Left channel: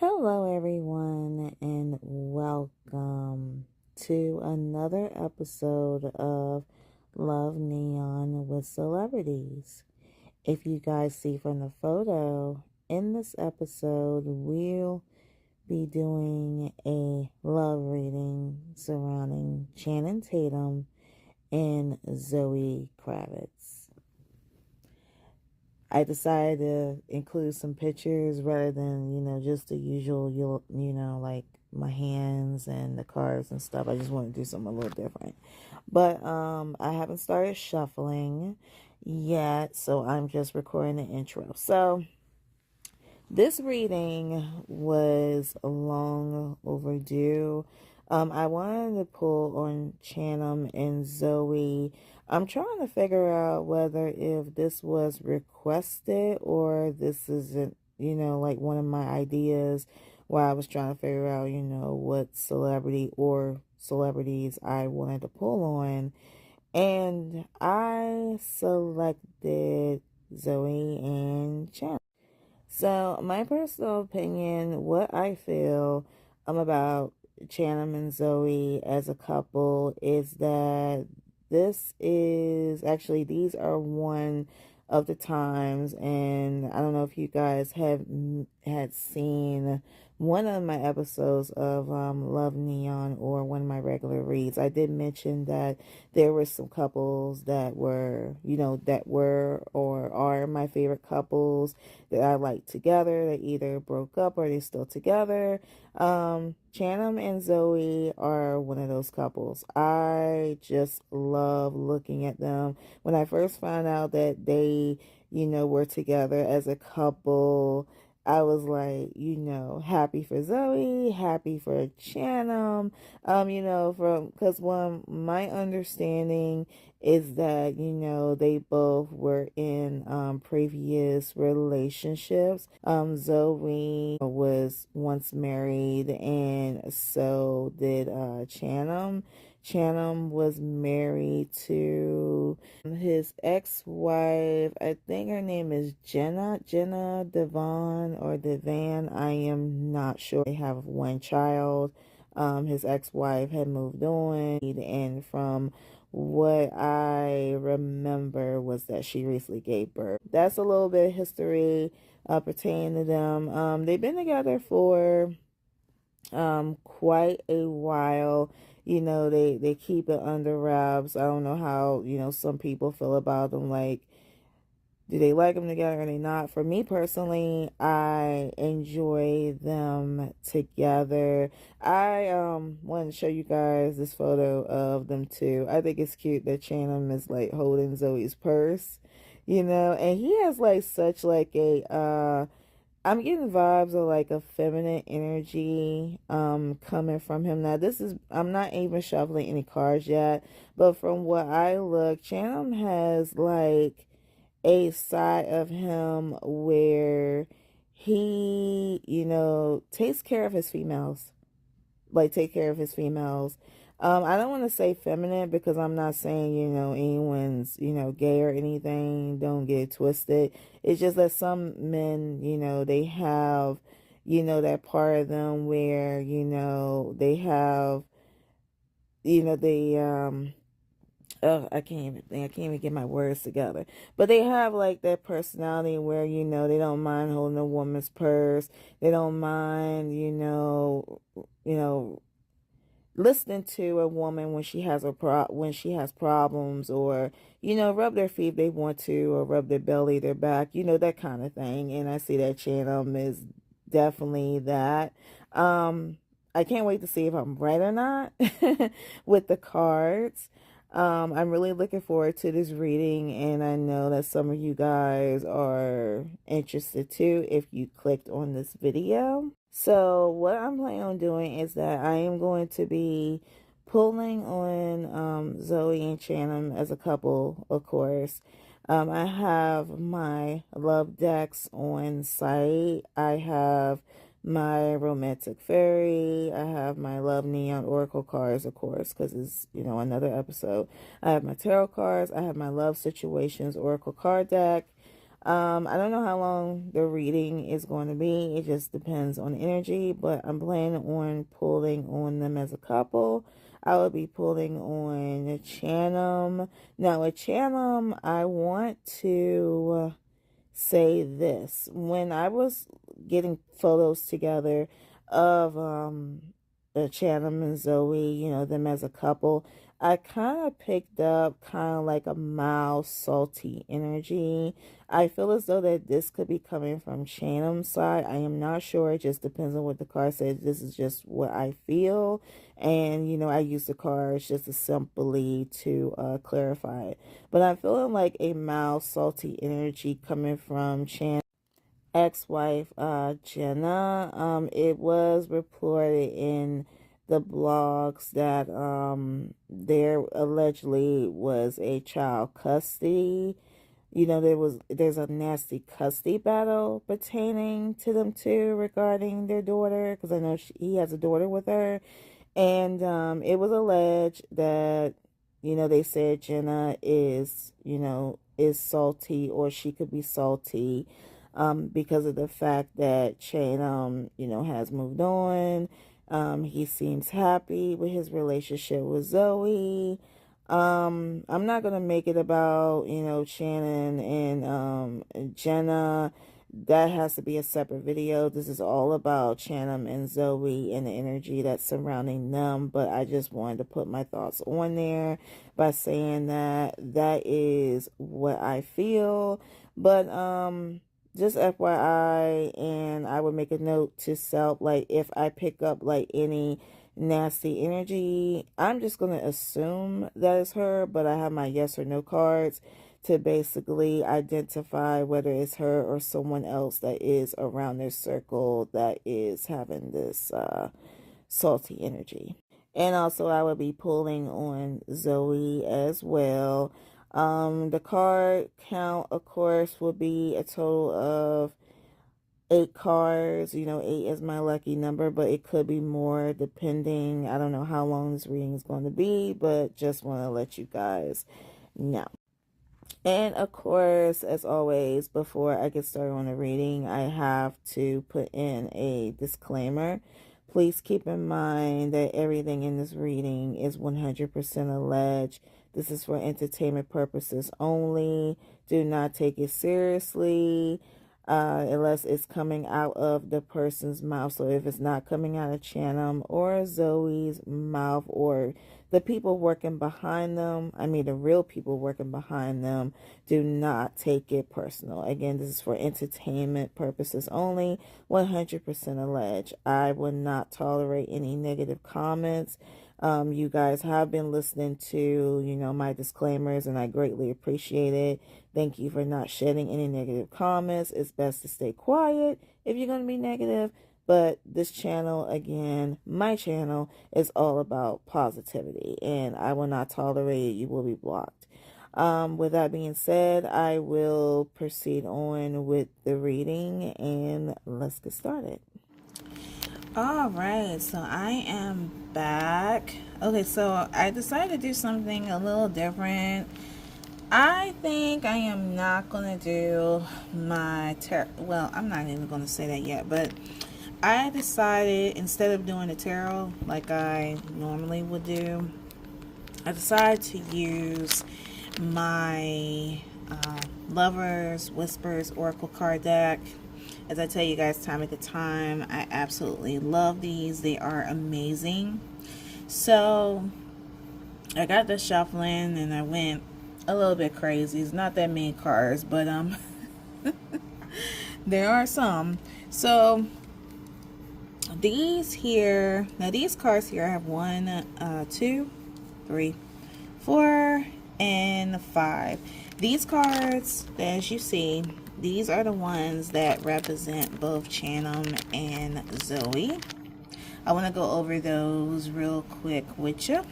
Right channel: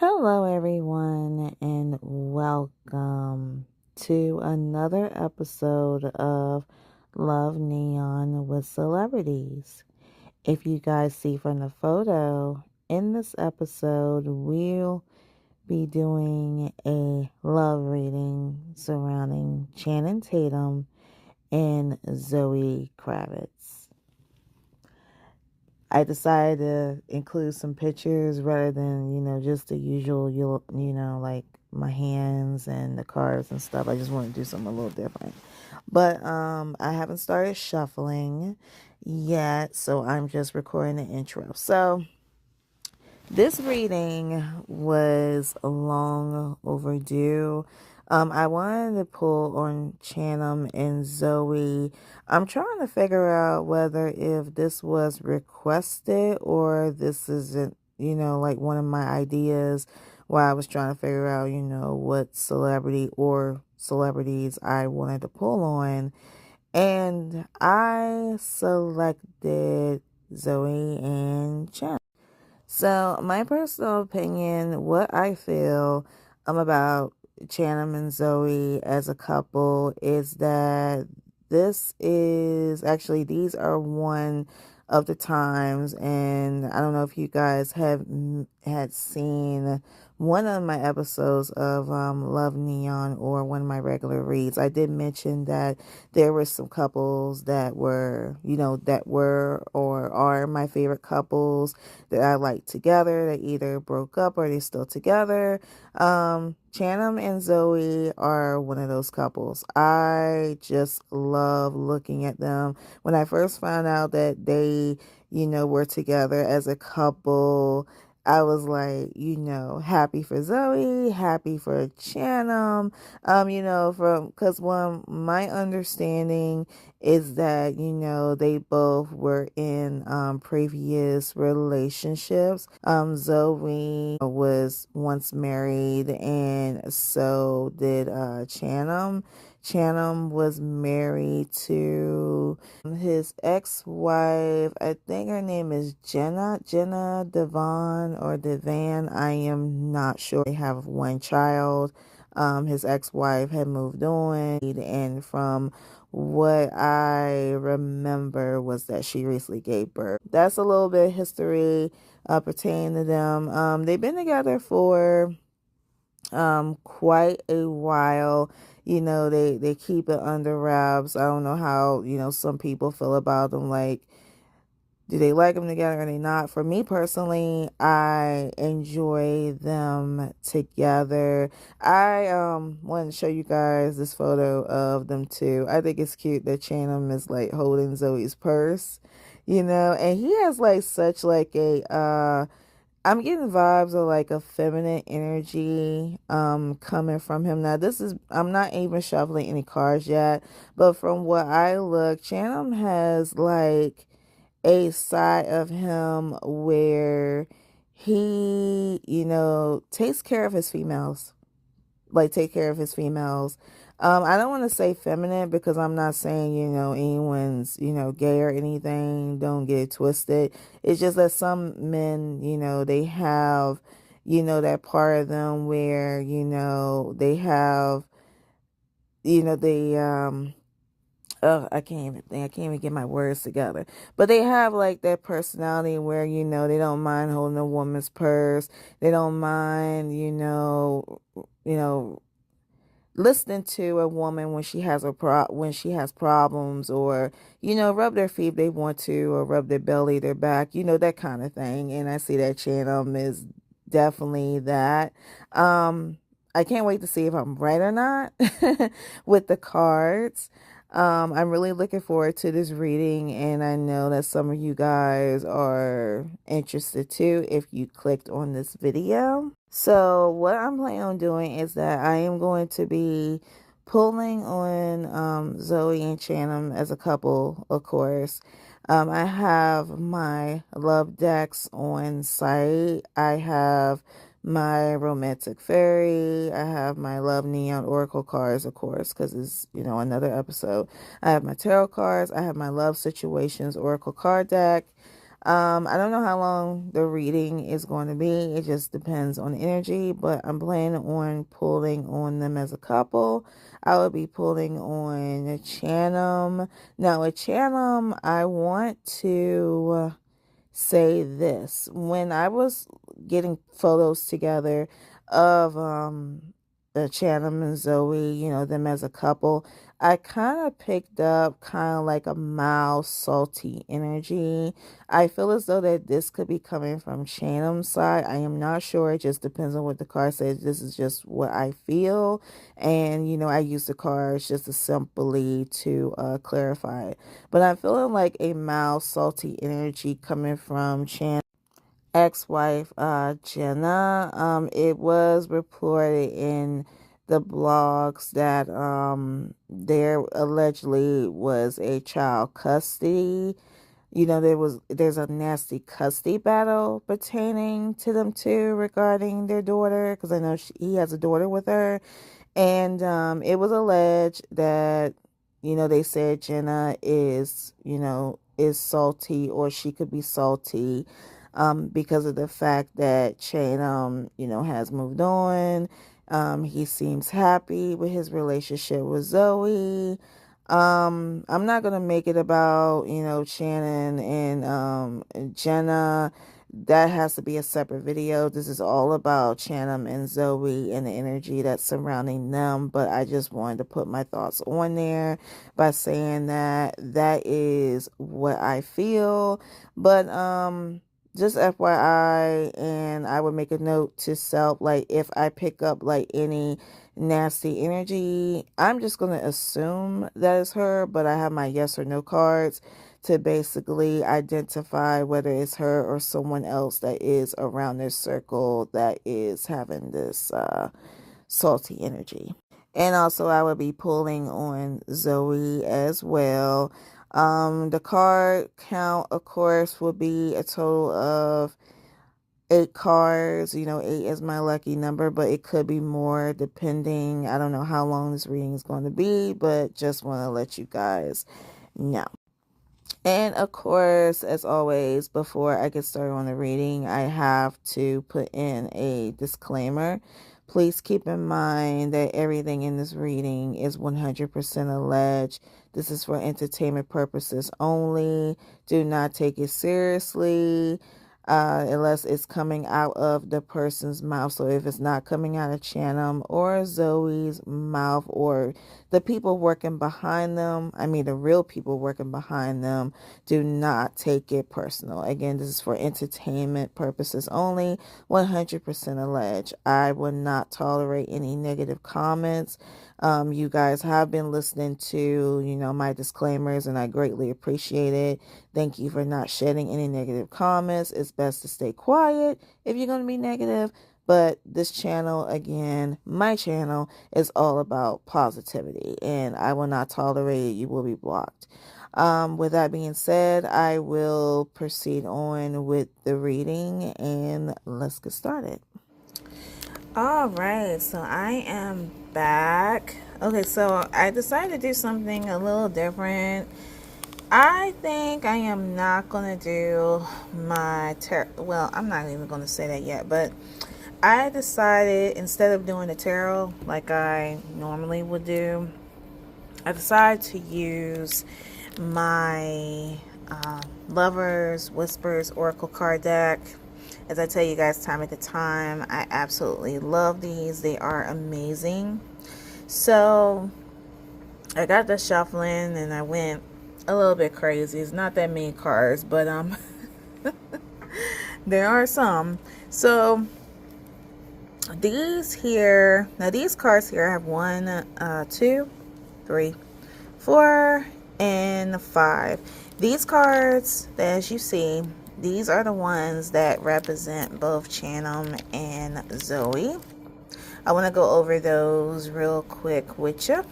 Hello, everyone, and welcome to another episode of Love Neon with Celebrities. If you guys see from the photo, in this episode, we'll be doing a love reading surrounding Channing Tatum and Zoe Kravitz. I decided to include some pictures rather than, just the usual, like my hands and the cards and stuff. I just want to do something a little different. But I haven't started shuffling yet, so I'm just recording the intro. So this reading was long overdue. I wanted to pull on Channing and Zoe. I'm trying to figure out whether if this was requested or this isn't, like one of my ideas while I was trying to figure out, what celebrity or celebrities I wanted to pull on. And I selected Zoe and Channing. So, my personal opinion, what I feel about Channing and Zoe as a couple is that these are one of the times, and I don't know if you guys had seen one of my episodes of Love Neon or one of my regular reads. I did mention that there were some couples that were, or are my favorite couples that I like together. They either broke up or they're still together. Channing and Zoe are one of those couples. I just love looking at them. When I first found out that they, were together as a couple, I was like, happy for Zoe, happy for Channing, because my understanding is that, they both were in previous relationships. Zoe was once married, and so did Channing. Channing was married to his ex-wife. I think her name is Jenna Devon or Devan. I am not sure. They have one child. His ex-wife had moved on, and from what I remember was that she recently gave birth. That's a little bit of history pertaining to them. They've been together for quite a while. They keep it under wraps. I don't know how, some people feel about them. Like, do they like them together or they not? For me personally, I enjoy them together. I want to show you guys this photo of them too. I think it's cute that Channing is like holding Zoe's purse, and he has like such like a I'm getting vibes of like a feminine energy coming from him. Now I'm not even shuffling any cards yet, but from what I look, Channing has like a side of him where he, takes care of his females. Like take care of his females. I don't want to say feminine because I'm not saying, anyone's, gay or anything. Don't get it twisted. It's just that some men, they have, that part of them where, they have, they, I can't even think. I can't even get my words together. But they have like that personality where, they don't mind holding a woman's purse. They don't mind, listening to a woman when she has problems, or rub their feet if they want to, or rub their belly, their back, that kind of thing. And I see that Channing is definitely that. I can't wait to see if I'm right or not with the cards. I'm really looking forward to this reading, and I know that some of you guys are interested too if you clicked on this video. So what I'm planning on doing is that I am going to be pulling on Zoe and Channing as a couple, of course. I have my love decks on site. I have my romantic fairy. I have my love neon oracle cards, of course, because it's, another episode. I have my tarot cards. I have my love situations oracle card deck. I don't know how long the reading is going to be. It just depends on energy, but I'm planning on pulling on them as a couple. I will be pulling on a Chanum. Now, a Chanum, I want to say this. When I was getting photos together of Chanum and Zoe, you know, them as a couple, I kind of picked up kind of like a mild salty energy. I feel as though that this could be coming from Chanum's side. I am not sure. It just depends on what the card says. This is just what I feel. And, you know, I use the cards just to simply to clarify it. But I'm feeling like a mild salty energy coming from Chanum's ex-wife, Jenna. It was reported in the blogs that there allegedly was a child custody. You know, there's a nasty custody battle pertaining to them two regarding their daughter, because I know he has a daughter with her. And it was alleged that, you know, they said Jenna is, you know, is salty, or she could be salty because of the fact that Shane, you know, has moved on. He seems happy with his relationship with Zoe. I'm not going to make it about, you know, Shannon and Jenna. That has to be a separate video. This is all about Shannon and Zoe and the energy that's surrounding them. But I just wanted to put my thoughts on there by saying that that is what I feel. But just FYI, and I would make a note to self, like if I pick up like any nasty energy, I'm just going to assume that it's her, but I have my yes or no cards to basically identify whether it's her or someone else that is around this circle that is having this salty energy. And also I will be pulling on Zoe as well. The card count, of course, will be a total of 8 cards. You know, 8 is my lucky number, but it could be more depending. I don't know how long this reading is going to be, but just want to let you guys know. And of course, as always, before I get started on the reading, I have to put in a disclaimer. Please keep in mind that everything in this reading is 100% alleged. This is for entertainment purposes only. Do not take it seriously unless it's coming out of the person's mouth. So if it's not coming out of Chanum or Zoe's mouth, or the people working behind them, I mean the real people working behind them, do not take it personal. Again, this is for entertainment purposes only, 100% alleged. I will not tolerate any negative comments. You guys have been listening to, you know, my disclaimers, and I greatly appreciate it. Thank you for not shedding any negative comments. It's best to stay quiet if you're going to be negative. But this channel, again, my channel, is all about positivity, and I will not tolerate it. You will be blocked. With that being said, I will proceed on with the reading, and let's get started. All right, so I am back. Okay, so I decided to do something a little different. I think I am not going to do my tarot. Well, I'm not even going to say that yet, but I decided, instead of doing a tarot like I normally would do, I decided to use my Lovers, Whispers, Oracle card deck. As I tell you guys time at the time, I absolutely love these. They are amazing. So I got the shuffling and I went a little bit crazy. It's not that many cards, but there are some. So these here, now these cards here, I have 1, 2, 3, 4, and 5. These cards, as you see, these are the ones that represent both Chanum and Zoe. I want to go over those real quick with you.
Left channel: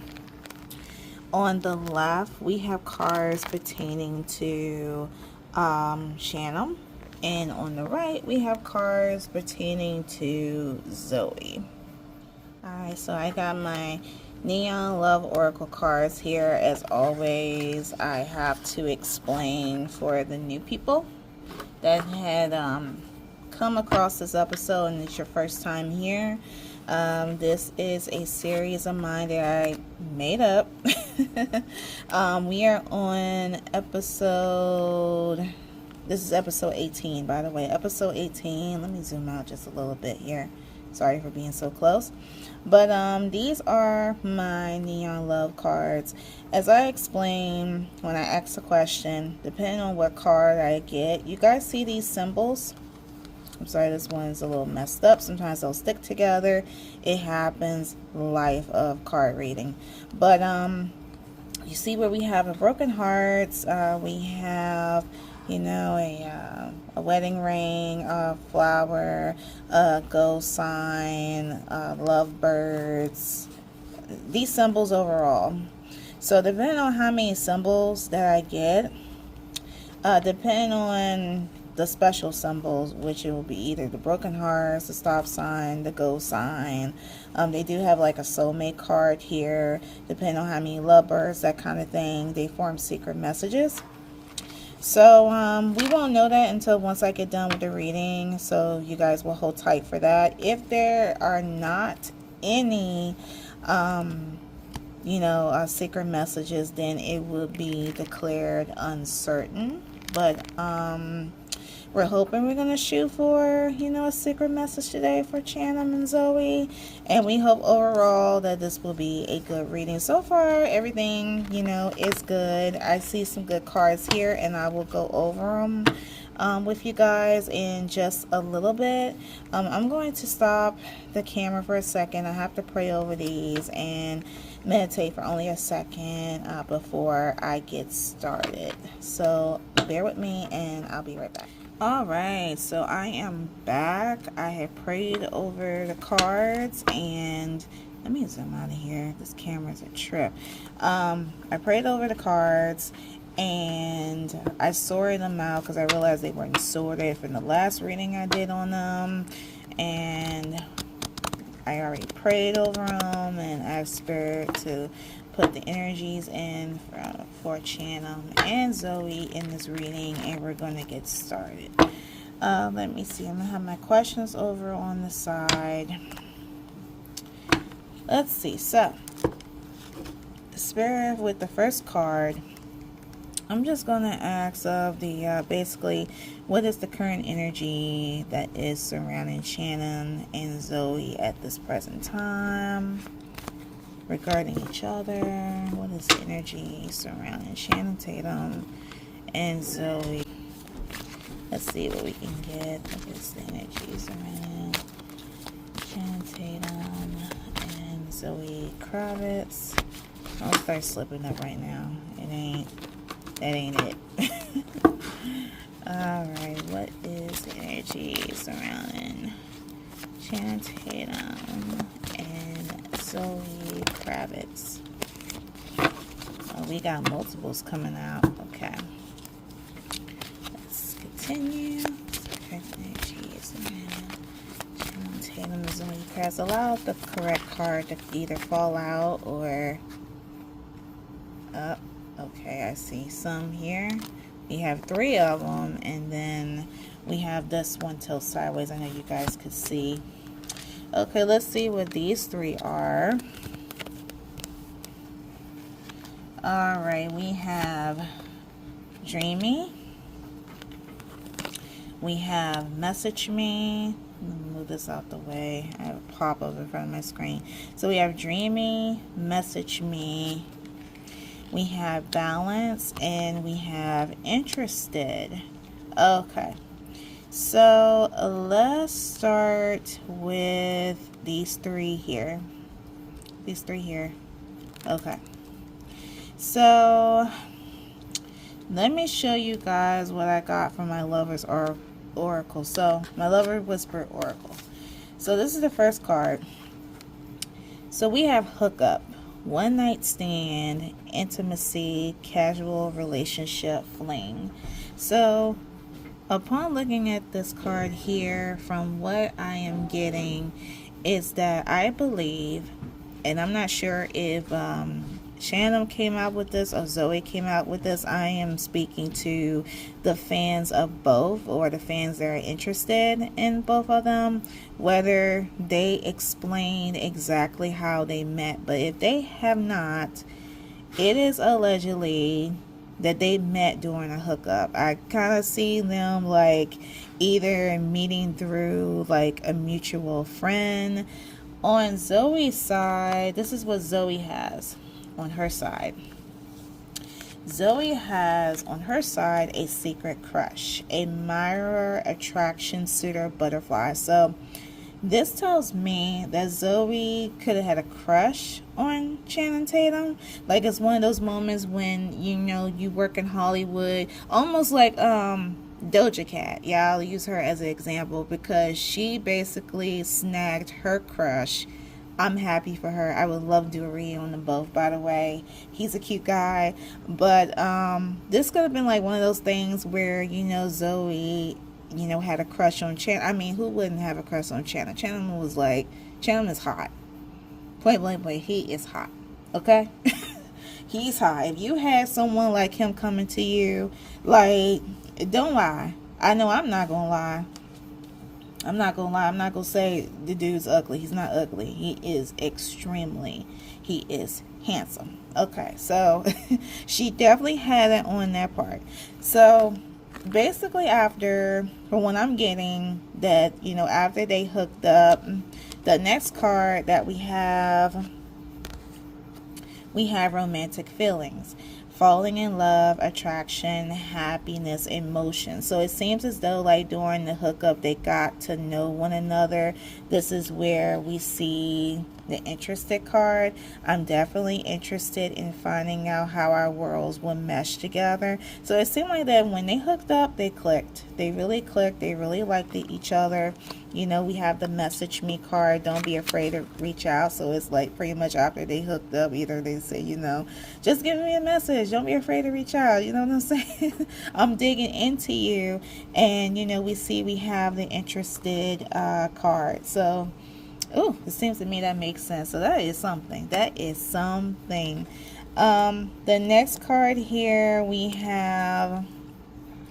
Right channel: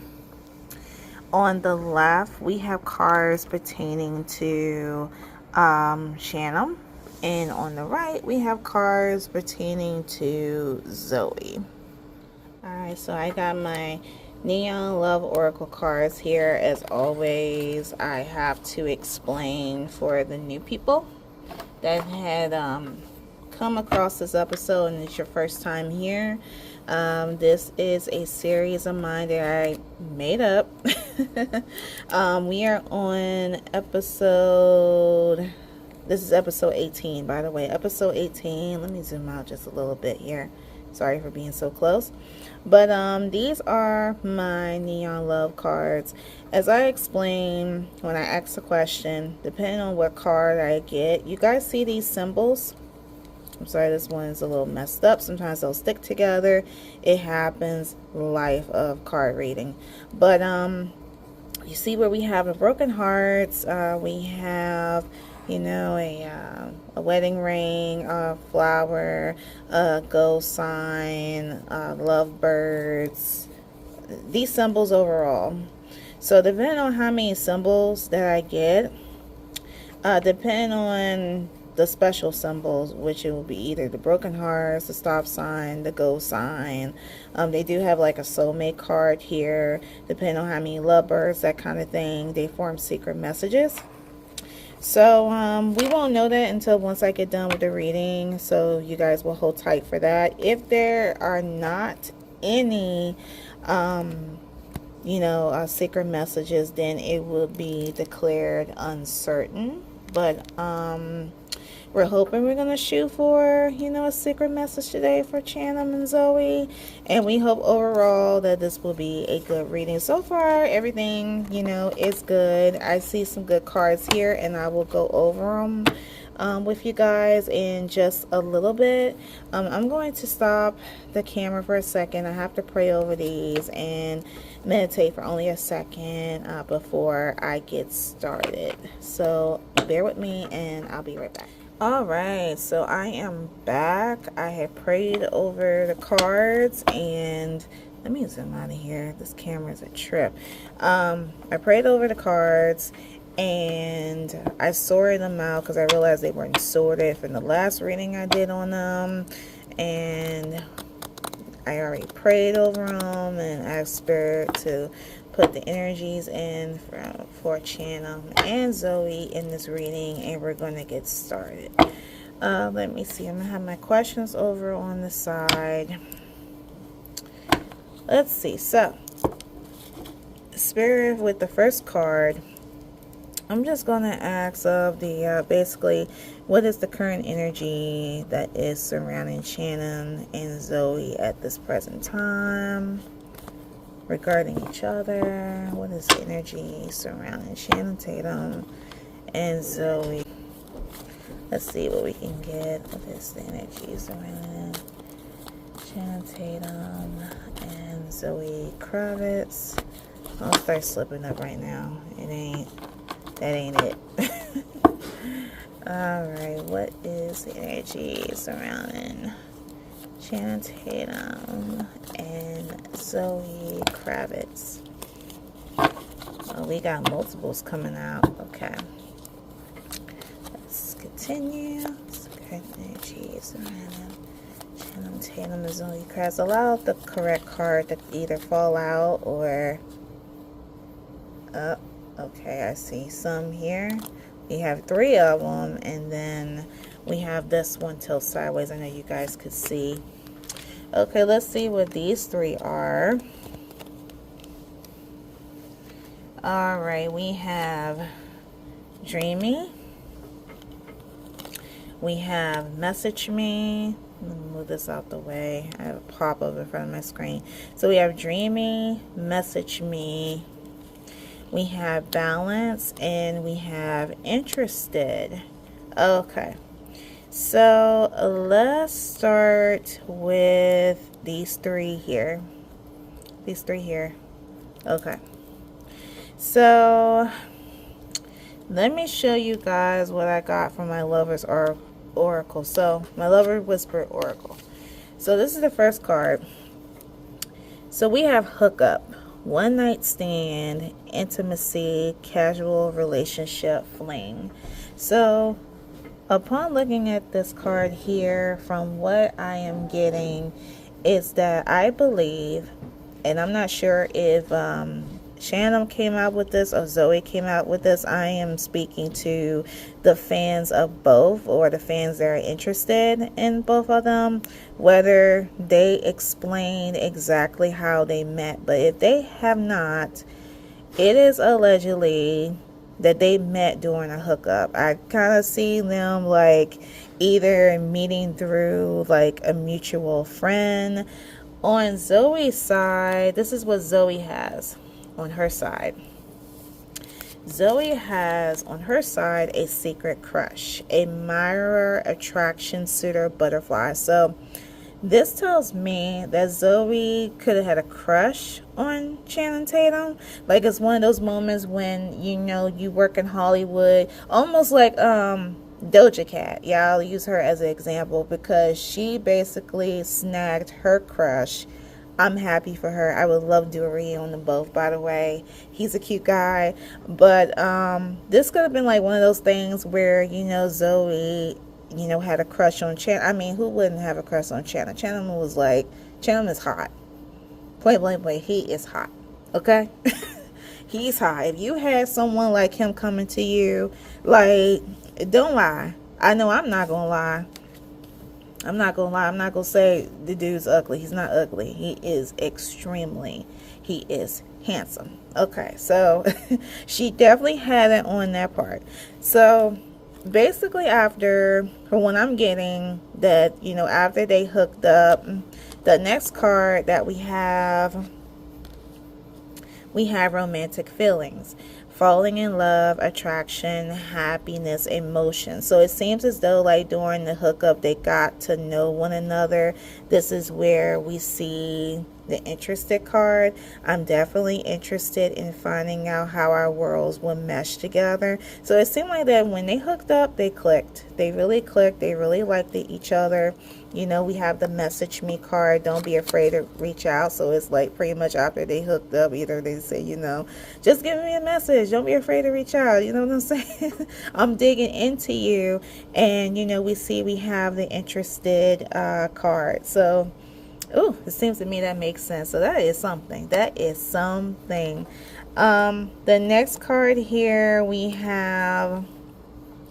On the left, we have cards pertaining to Chanum. And on the right, we have cards pertaining to Zoe. Alright, so I got my Neon Love Oracle cards here. As always, I have to explain for the new people. that had come across this episode and it's your first time here, this is a series of mine that I made up. We are on episode, this is episode 18, by the way. Episode 18. Let me zoom out just a little bit here. Sorry for being so close. But these are my Neon Love cards. As I explained when I asked the question, depending on what card I get, you guys see these symbols? I'm sorry, this one's a little messed up. Sometimes they'll stick together. It happens. Life of card reading. But you see where we have a broken hearts. We have, you know, a wedding ring, a flower, a go sign, lovebirds. These symbols overall. So depending on how many symbols that I get, depending on the special symbols, which it will be either the broken hearts, the stop sign, the go sign. They do have like a soulmate card here, depending on how many lovebirds, that kind of thing. They form secret messages. So we won't know that until once I get done with the reading, so you guys will hold tight for that. If there are not any you know, secret messages, then it will be declared uncertain. But we're hoping we're going to shoot for, you know, a secret message today for Tatum and Zoe. And we hope overall that this will be a good reading. So far, everything, you know, is good. I see some good cards here, and I will go over them with you guys in just a little bit. I'm going to stop the camera for a second. I have to pray over these and meditate for only a second before I get started. So bear with me, and I'll be right back. Alright, so I am back. I have prayed over the cards, and let me zoom out of here. This camera's a trip. I prayed over the cards, and I sorted them out because I realized they weren't sorted from the last reading I did on them. And I already prayed over them and asked Spirit to put the energies in for Tatum and Zoe in this reading, and we're going to get started. Let me see. I'm going to have my questions over on the side. Let's see. So, Spirit, with the first card, I'm just going to ask of the, basically, what is the current energy that is surrounding Tatum and Zoe at this present time? Regarding each other, what is the energy surrounding Tatum and Zoe? Let's see what we can get. What is the energy surrounding Tatum and Zoe Kravitz? I'll start slipping up right now. That ain't it. Alright, what is the energy surrounding Tatum and Zoe Kravitz? Oh, we got multiples coming out. Okay. Let's continue. Energy surrounding Tatum and Zoe Kravitz. Allow the correct card to either fall out or up. Okay, I see some here. We have 3 of them, and then we have this one tilt sideways. I know you guys could see. Okay, let's see what these 3 are. Alright, we have Dreamy. We have Message Me. Let me move this out the way. I have a pop-up in front of my screen. So we have Dreamy, Message Me. We have Balance, and we have Interested. Okay. So let's start with these 3 here. These 3 here. Okay. So let me show you guys what I got from my Lover's Oracle. So my Lover Whisper Oracle. So this is the first card. So we have hookup, one night stand, intimacy, casual relationship, fling. So upon looking at this card here, from what I am getting is that I believe, and I'm not sure if Shannon came out with this or Zoe came out with this. I am speaking to the fans of both, or the fans that are interested in both of them, whether they explain exactly how they met. But if they have not, it is allegedly that they met during a hookup. I kind of see them like either meeting through like a mutual friend. On Zoe's side, this is what Zoe has on her side. Zoe has on her side a secret crush, a mirror, attraction, suitor, butterfly. So this tells me that Zoe could have had a crush on Channing Tatum. Like, it's one of those moments when, you know, you work in Hollywood, almost like Doja Cat. Yeah, I'll use her as an example because she basically snagged her crush. I'm happy for her. I would love to do a reading on them both, by the way. He's a cute guy. But this could have been like one of those things where, you know, Zoe, you know, had a crush on Channing. I mean, who wouldn't have a crush on Channing? Channing was like, Channing is hot. Point blank, he is hot. Okay? He's hot. If you had someone like him coming to you, like, don't lie. I know I'm not going to lie. I'm not going to lie. I'm not going to say the dude's ugly. He's not ugly. He is he is handsome. Okay, so she definitely had it on that part. So basically after, from what I'm getting, that, you know, after they hooked up, the next card that we have romantic feelings. Falling in love, attraction, happiness, emotion. So it seems as though like during the hookup they got to know one another. This is where we see the interested card. I'm definitely interested in finding out how our worlds will mesh together. So it seemed like that when they hooked up, they clicked. They really clicked. They really liked each other. You know, we have the message me card. Don't be afraid to reach out. So it's like pretty much after they hooked up, either they say, you know, just give me a message. Don't be afraid to reach out. You know what I'm saying? I'm digging into you. And, you know, we have the interested card. So, ooh, it seems to me that makes sense. So that is something. That is something. The next card here we have,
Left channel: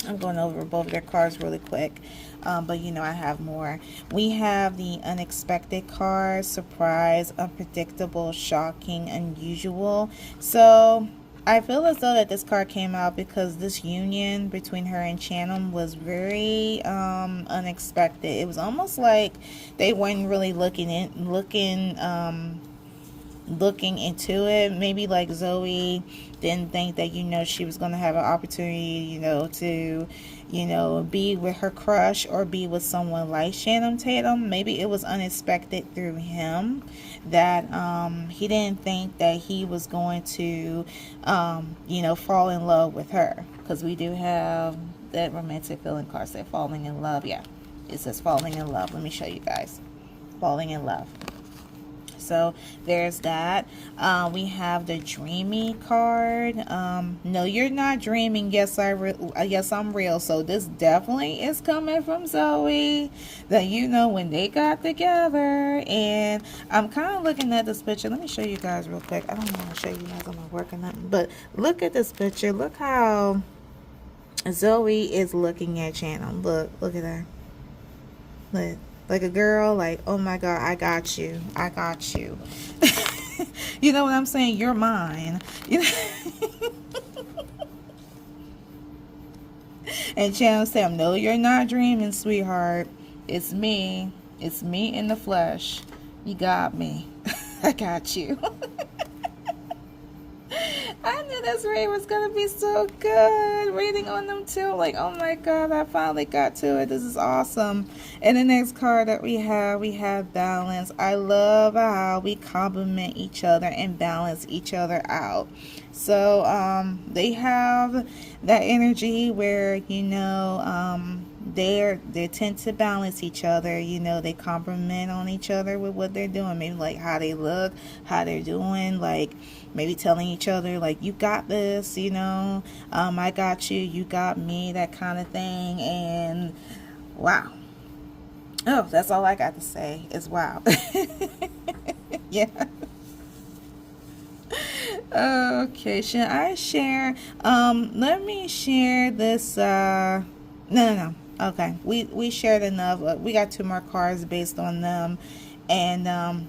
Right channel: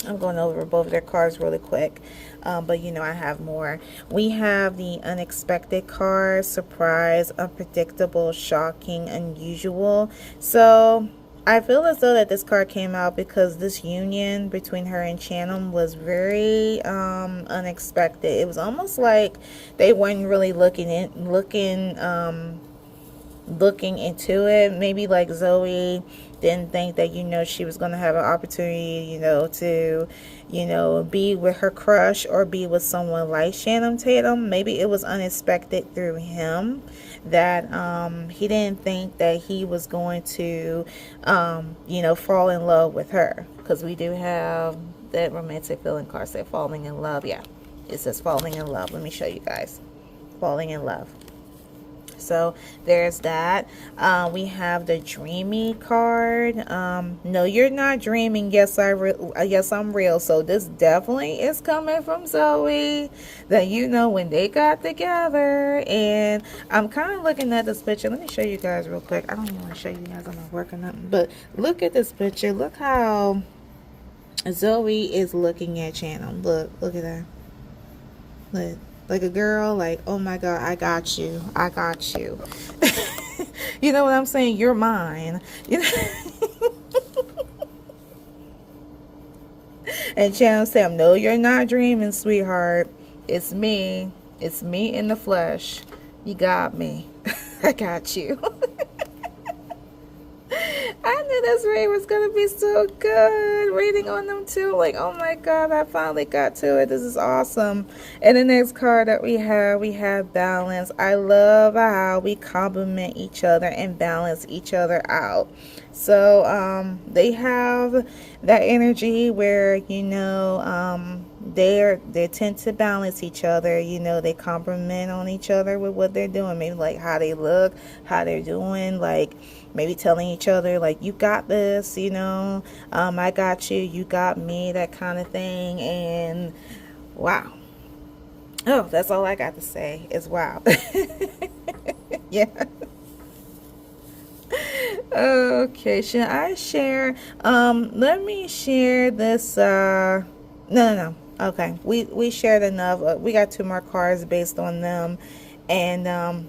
I'm going over both of their cards really quick. But you know, I have more. We have the unexpected card, surprise, unpredictable, shocking, unusual. So I feel as though that this card came out because this union between her and Channing was very unexpected. It was almost like they weren't really looking into it. Maybe like Zoe didn't think that, you know, she was going to have an opportunity, you know, to, you know, be with her crush or be with someone like Channing Tatum. Maybe it was unexpected through him that he didn't think that he was going to, you know, fall in love with her. Because we do have that romantic feeling card say falling in love. Yeah, it says falling in love. Let me show you guys. Falling in love. So there's that. We have the dreamy card. No, you're not dreaming. Yes, I'm real. So this definitely is coming from Zoe. That, you know, when they got together. And I'm kind of looking at this picture. Let me show you guys real quick. I don't want to show you guys. I'm not working up. But look at this picture. Look how Zoe is looking at Channing. Look at her. Look. Like a girl, like, oh my God, I got you. I got you. You know what I'm saying? You're mine. You know? And Channing said, no, you're not dreaming, sweetheart. It's me. It's me in the flesh. You got me. I got you. I knew this reading was going to be so good. Reading on them too. Like, oh my God, I finally got to it. This is awesome. And the next card that we have balance. I love how we complement each other and balance each other out. So they have that energy where, you know, they tend to balance each other. You know, they compliment on each other with what they're doing. Maybe like how they look, how they're doing, like maybe telling each other like, you got this, you know, I got you, you got me, that kind of thing. And wow. Oh, that's all I got to say is wow. Yeah. Okay, should I share? Let me share this. No. Okay, we shared enough. We got 2 more cards based on them, and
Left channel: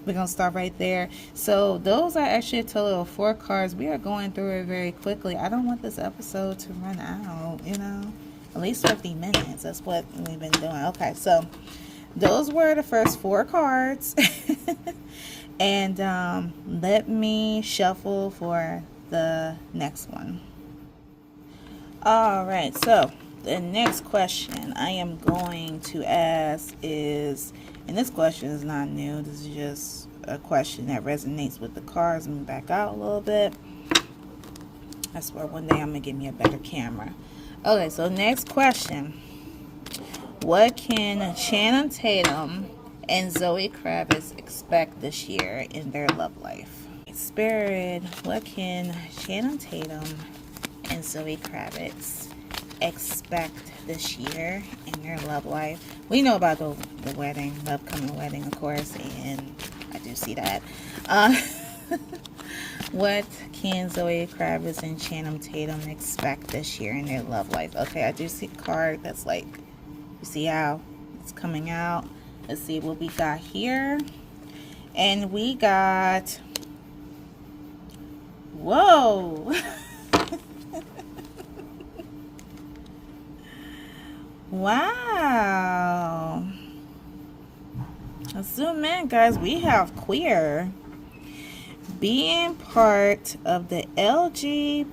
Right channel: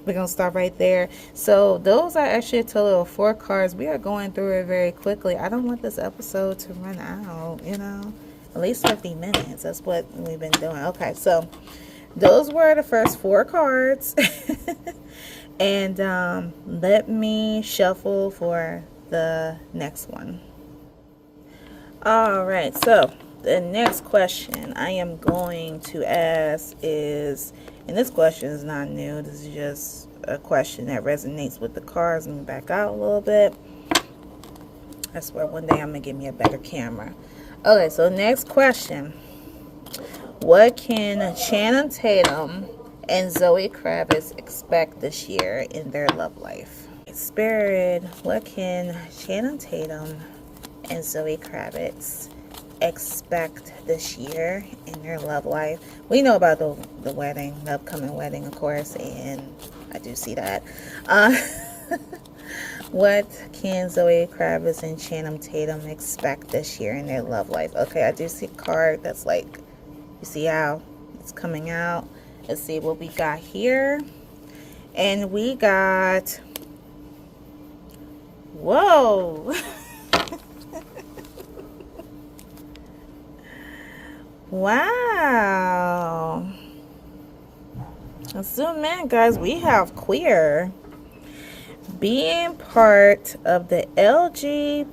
we're gonna stop right there. So those are actually a total of 4 cards. We are going through it very quickly. I don't want this episode to run out. You know, at least 50 minutes. That's what we've been doing. Okay, so those were the first 4 cards. And let me shuffle for the next one. All right, so the next question I am going to ask is, and this question is not new, this is just a question that resonates with the cards. Let me back out a little bit. I swear one day I'm going to get me a better camera. Okay, so next question. What can Channing Tatum and Zoe Kravitz expect this year in their love life? Spirit, what can Channing Tatum and Zoe Kravitz expect this year in their love life? We know about the wedding, the upcoming wedding, of course, and I do see that. What can Zoe Kravitz and Channing Tatum expect this year in their love life? Okay, I do see a card that's like, you see how it's coming out. Let's see what we got here. And we got, whoa. Wow. Let's zoom in, guys. We have queer. Being part of the LGBTQ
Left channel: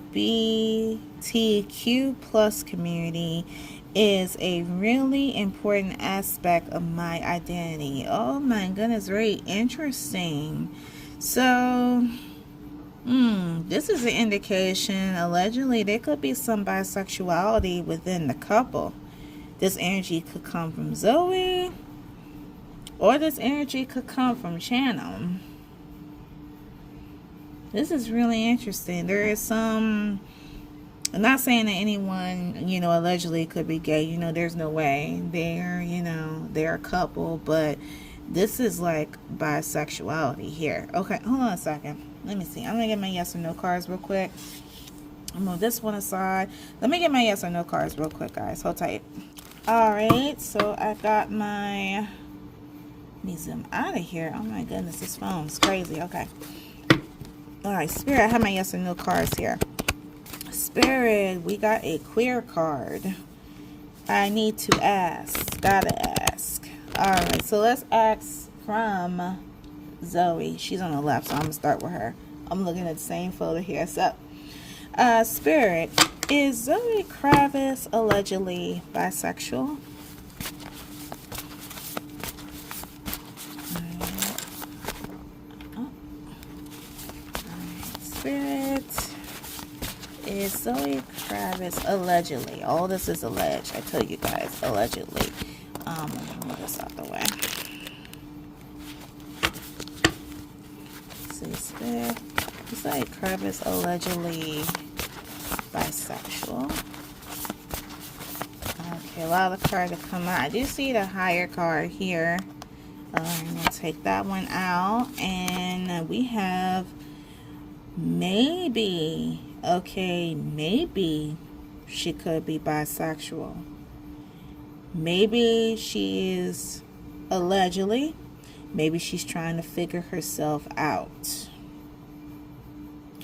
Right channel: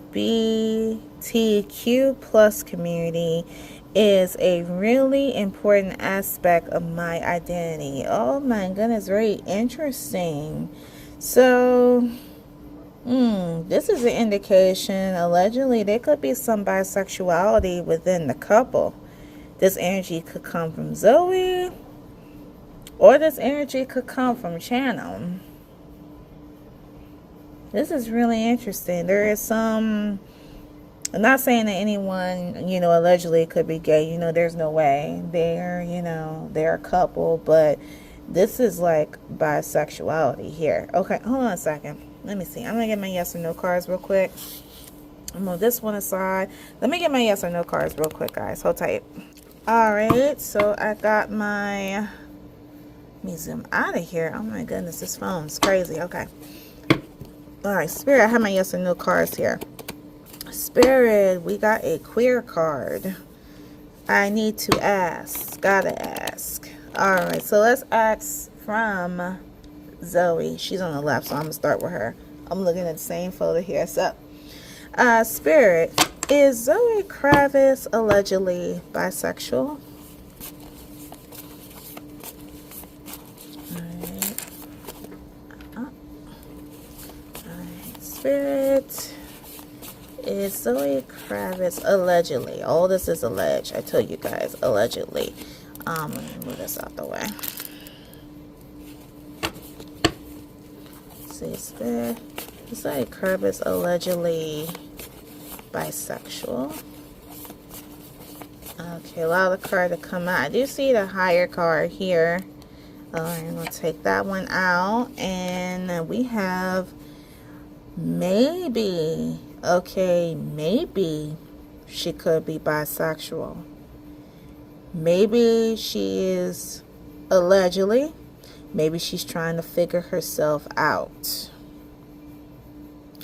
plus community is a really important aspect of my identity. Oh my goodness, very interesting. So, this is an indication, allegedly, there could be some bisexuality within the couple. This energy could come from Zoe, or this energy could come from Channing. This is really interesting. There is some, I'm not saying that anyone, allegedly could be gay. There's no way. They're a couple, but this is like bisexuality here. Okay, hold on a second. Let me see. I'm going to get my yes or no cards real quick. I'll move this one aside. Let me get my yes or no cards real quick, guys. Hold tight. All right, so I got my, let me zoom out of here. Oh my goodness, this phone's crazy. Okay. All right, Spirit, I have my yes or no cards here. Spirit, we got a queer card. I need to ask. Gotta ask. Alright, so let's ask from Zoe. She's on the left, so I'm going to start with her. I'm looking at the same photo here. So, Spirit, is Zoe Kravitz allegedly bisexual? Alright, Spirit. Is Zoe Kravitz allegedly? All this is alleged. I tell you guys, allegedly. Let me move this out the way. See, Spirit. Is Zoe Kravitz allegedly bisexual? Okay, allow the card to come out. I do see the higher card here. I'm going to take that one out. And we have maybe. Okay, maybe she could be bisexual. Maybe she is allegedly. Maybe she's trying to figure herself out.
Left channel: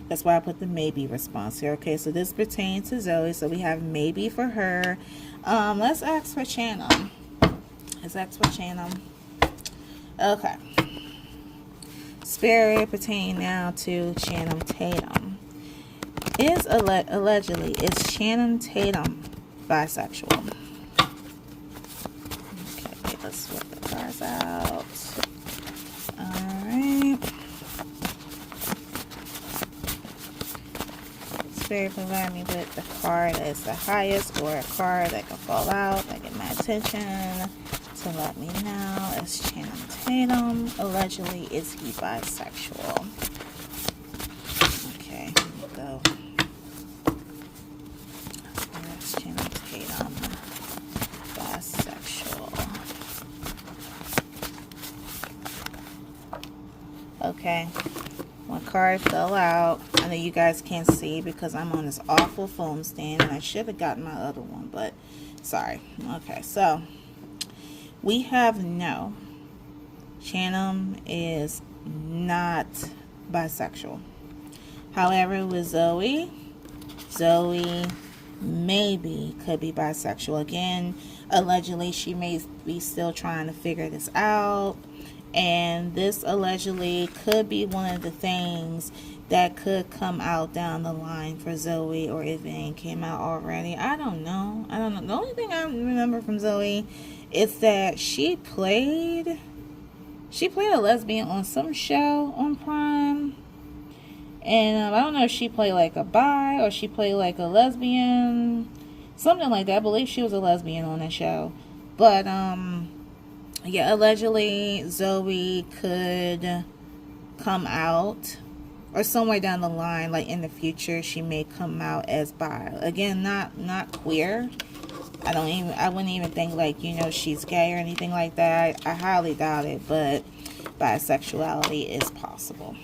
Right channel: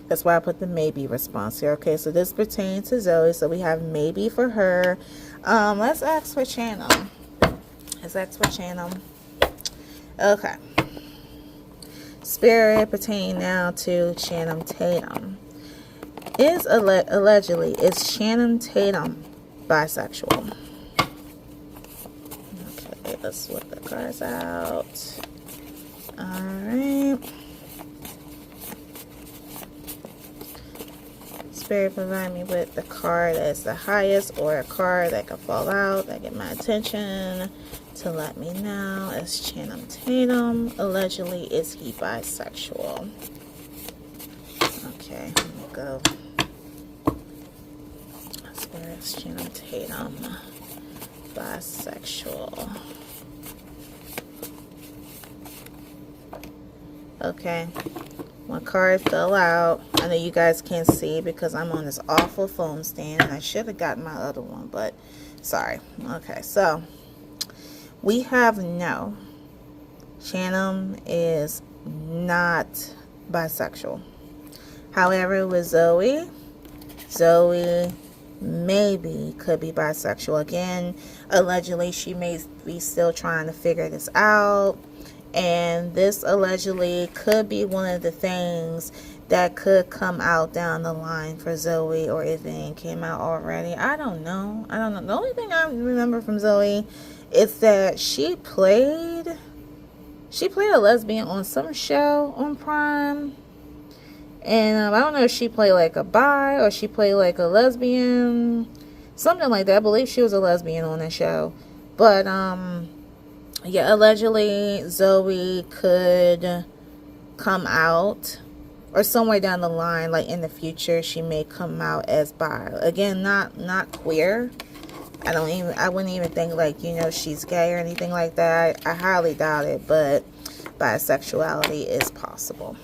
That's why I put the maybe response here. Okay, so this pertains to Zoe. So we have maybe for her. Let's ask for Channing. Let's ask for Channing. Okay. Spirit pertaining now to Channing Tatum. Is allegedly, is Channing Tatum bisexual? Okay, let's swap the cards out. Alright. Spirit, provide me with the card that's the highest, or a card that can fall out, that get my attention, to let me know. Is Channing Tatum allegedly, is he bisexual? Okay, let me go. Channing Tatum, bisexual. Okay, One card fell out. I know you guys can't see because I'm on this awful phone stand, and I should have gotten my other one, but sorry. Okay, so we have no. Tatum is not bisexual. However, with Zoe maybe could be bisexual. Again, allegedly, she may be still trying to figure this out. And this allegedly could be one of the things that could come out down the line for Zoe, or if it came out already. I don't know. The only thing I remember from Zoe is that she played a lesbian on some show on Prime. And I don't know if she played like a bi or she played like a lesbian. Something like that. I believe she was a lesbian on that show. But, yeah, allegedly Zoe could come out, or somewhere down the line, like in the future, she may come out as bi. Again, not queer. I wouldn't even think like, you know, she's gay or anything like that. I highly doubt it, but bisexuality is possible.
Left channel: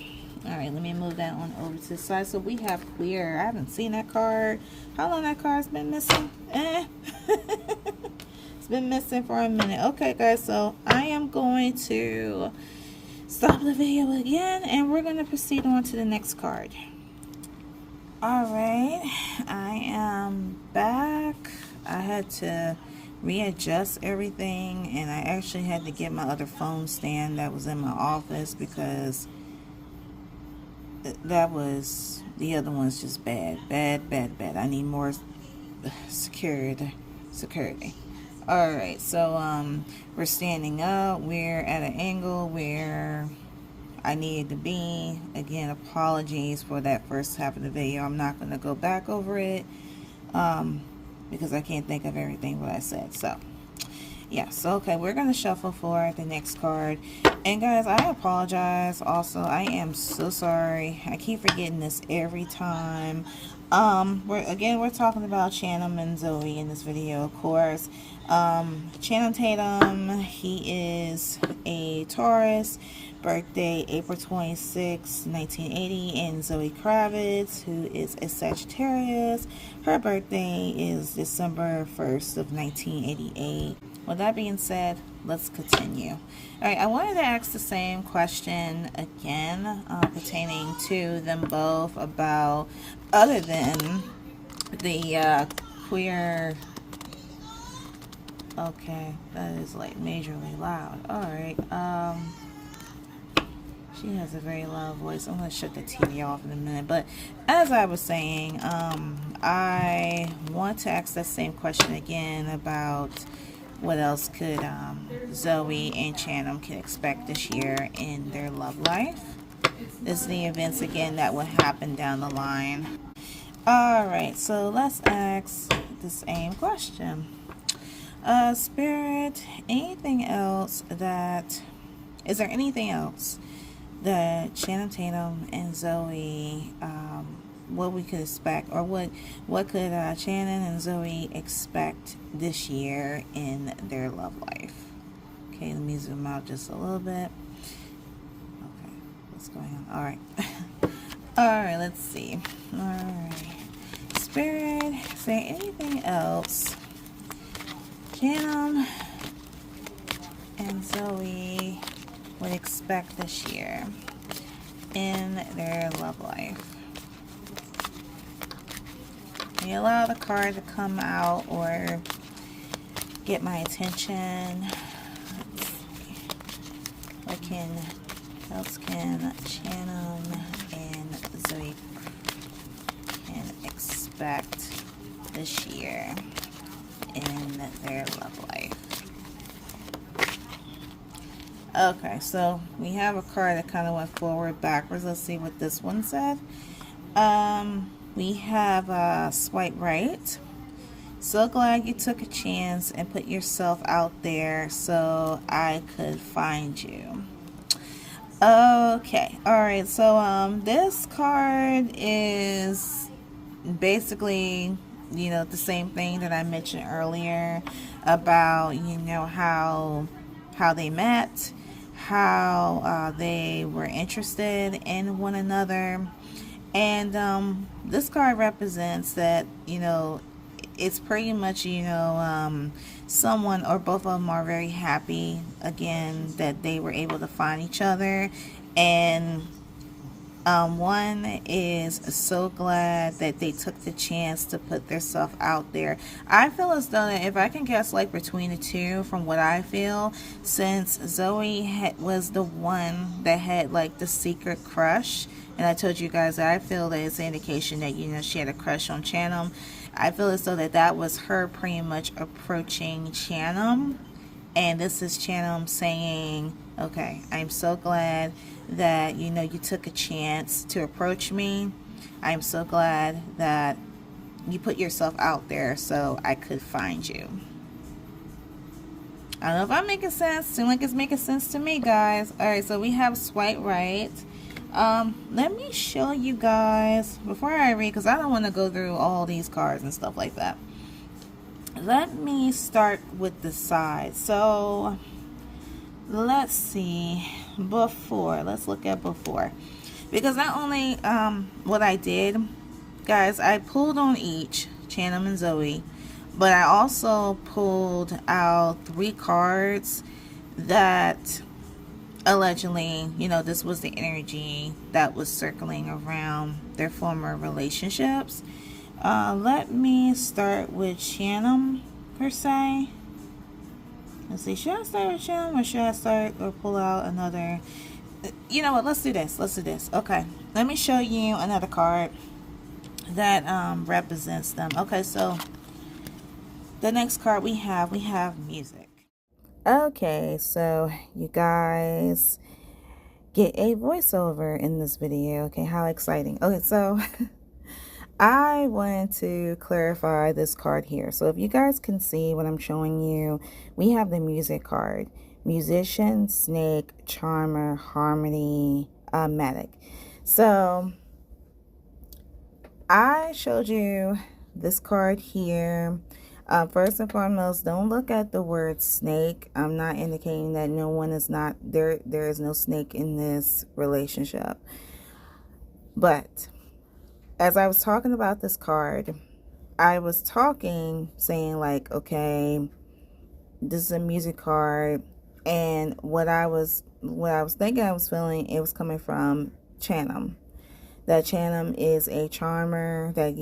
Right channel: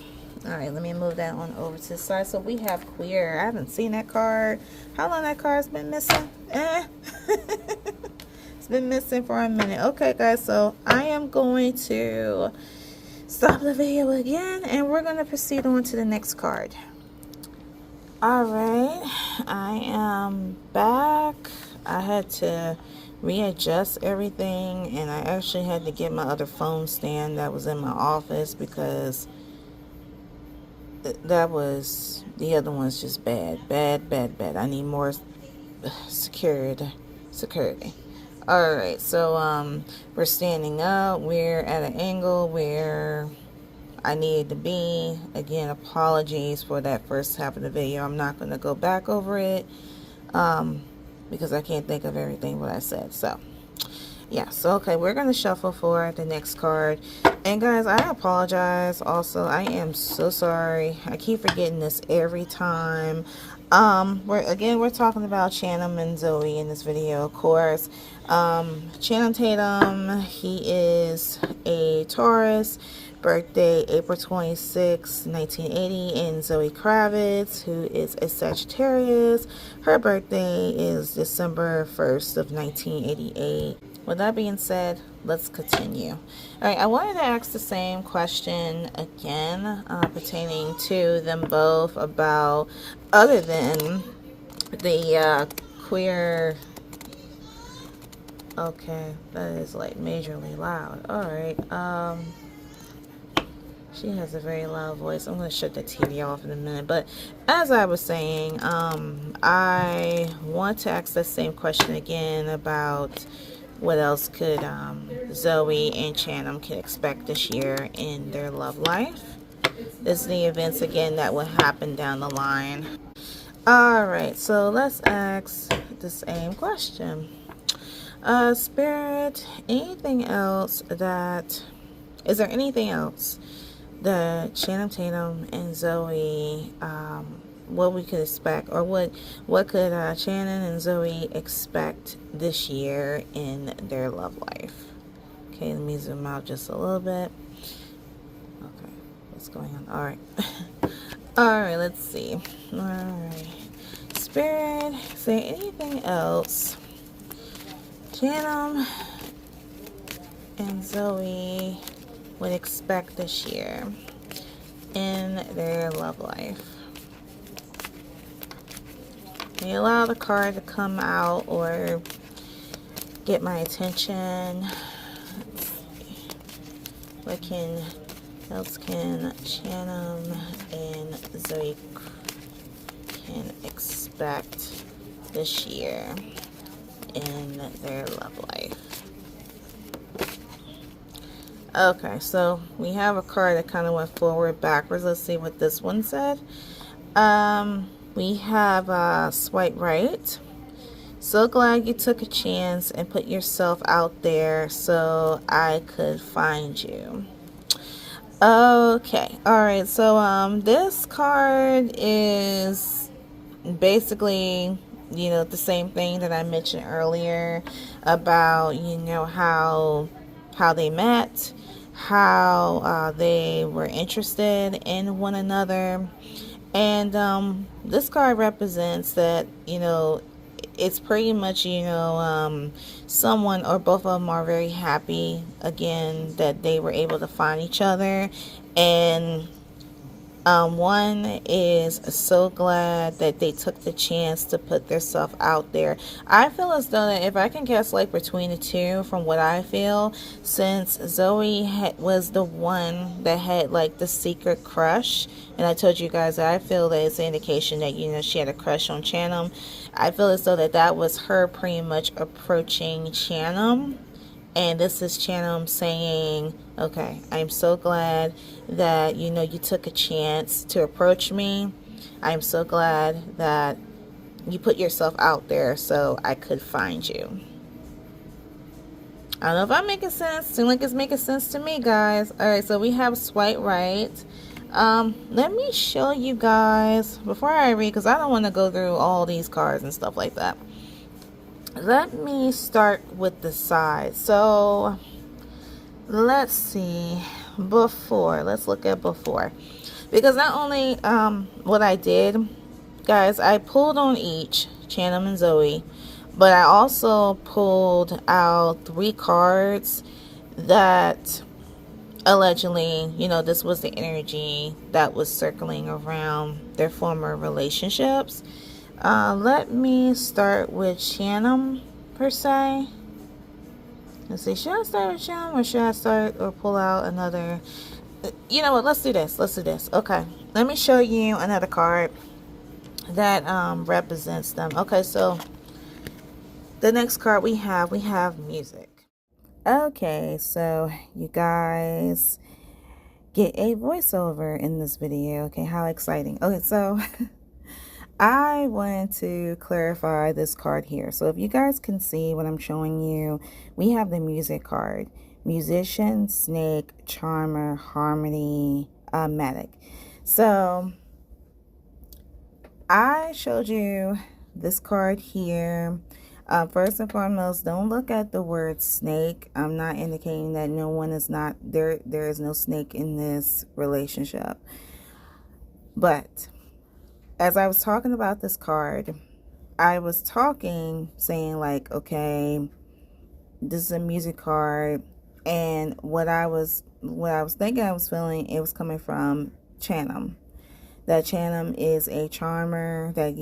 All right, let me move that on over to the side. So we have queer. I haven't seen that card. How long that card's been missing? It's been missing for a minute. Okay, guys, so I am going to stop the video again, and we're going to proceed on to the next card. All right, I am back. I had to readjust everything, and I actually had to get my other phone stand that was in my office because the other one's just bad. I need more security. All right, so we're standing up. We're at an angle where I needed to be. Again, apologies for that first half of the video. I'm not going to go back over it because I can't think of everything what I said. So yeah, so okay, we're going to shuffle for the next card. And guys, I apologize also. I am so sorry. I keep forgetting this every time. We're talking about Tatum and Zoe in this video, of course. Channing Tatum, he is a Taurus, birthday April 26, 1980, and Zoe Kravitz, who is a Sagittarius, her birthday is December 1st of 1988. With that being said, let's continue. All right, I wanted to ask the same question again pertaining to them both about, other than the queer. Okay, that is like majorly loud. All right, she has a very loud voice. I'm going to shut the TV off in a minute. But as I was saying, I want to ask that same question again about what else could Zoe and Tatum can expect this year in their love life. This is the events again that will happen down the line. Alright, so let's ask the same question. Spirit, anything else that, is there anything else that Channing Tatum and Zoe, what we could expect, or what could Channing and Zoe expect this year in their love life? Okay, let me zoom out just a little bit. Okay, what's going on? All right. All right, let's see. All right, Spirit, is there anything else Tatum and Zoe would expect this year in their love life? Can you allow the card to come out or get my attention? Let's see. What else can Tatum and Zoe can expect this year in their love life? Okay, so we have a card that kind of went forward, backwards. Let's see what this one said. We have swipe right. So glad you took a chance and put yourself out there so I could find you. Okay, all right. So this card is basically, you know, the same thing that I mentioned earlier about, you know, how they met, how they were interested in one another. And this card represents that, it's pretty much, someone or both of them are very happy, again, that they were able to find each other. And one is so glad that they took the chance to put themselves out there. I feel as though that if I can guess like between the two, from what I feel, since Zoe was the one that had like the secret crush, and I told you guys that I feel that it's an indication that, she had a crush on Tatum. I feel as though that was her pretty much approaching Tatum. And this is Tatum saying, okay, I'm so glad that, you took a chance to approach me. I'm so glad that you put yourself out there so I could find you. I don't know if I'm making sense. Seems like it's making sense to me, guys. All right, so we have swipe right. Let me show you guys, before I read, because I don't want to go through all these cards and stuff like that. Let me start with the side. So let's see, let's look at before, because not only what I did, guys, I pulled on each Tatum and Zoe, but I also pulled out 3 cards that allegedly, this was the energy that was circling around their former relationships. Let me start with Tatum, per se. Let's see, should I start with Tatum, or should I start or pull out another? You know what, let's do this. Okay, let me show you another card that represents them. Okay, so the next card we have music. Okay, so you guys get a voiceover in this video. Okay, how exciting. Okay, so I wanted to clarify this card here. So if you guys can see what I'm showing you, we have the music card. Musician, snake, charmer, harmony, medic. So I showed you this card here. First and foremost, don't look at the word snake. I'm not indicating that no one is not there. There is no snake in this relationship. But as I was talking about this card, I was saying like, okay, this is a music card, and what I was thinking, I was feeling, it was coming from Tatum. That Tatum is a charmer, that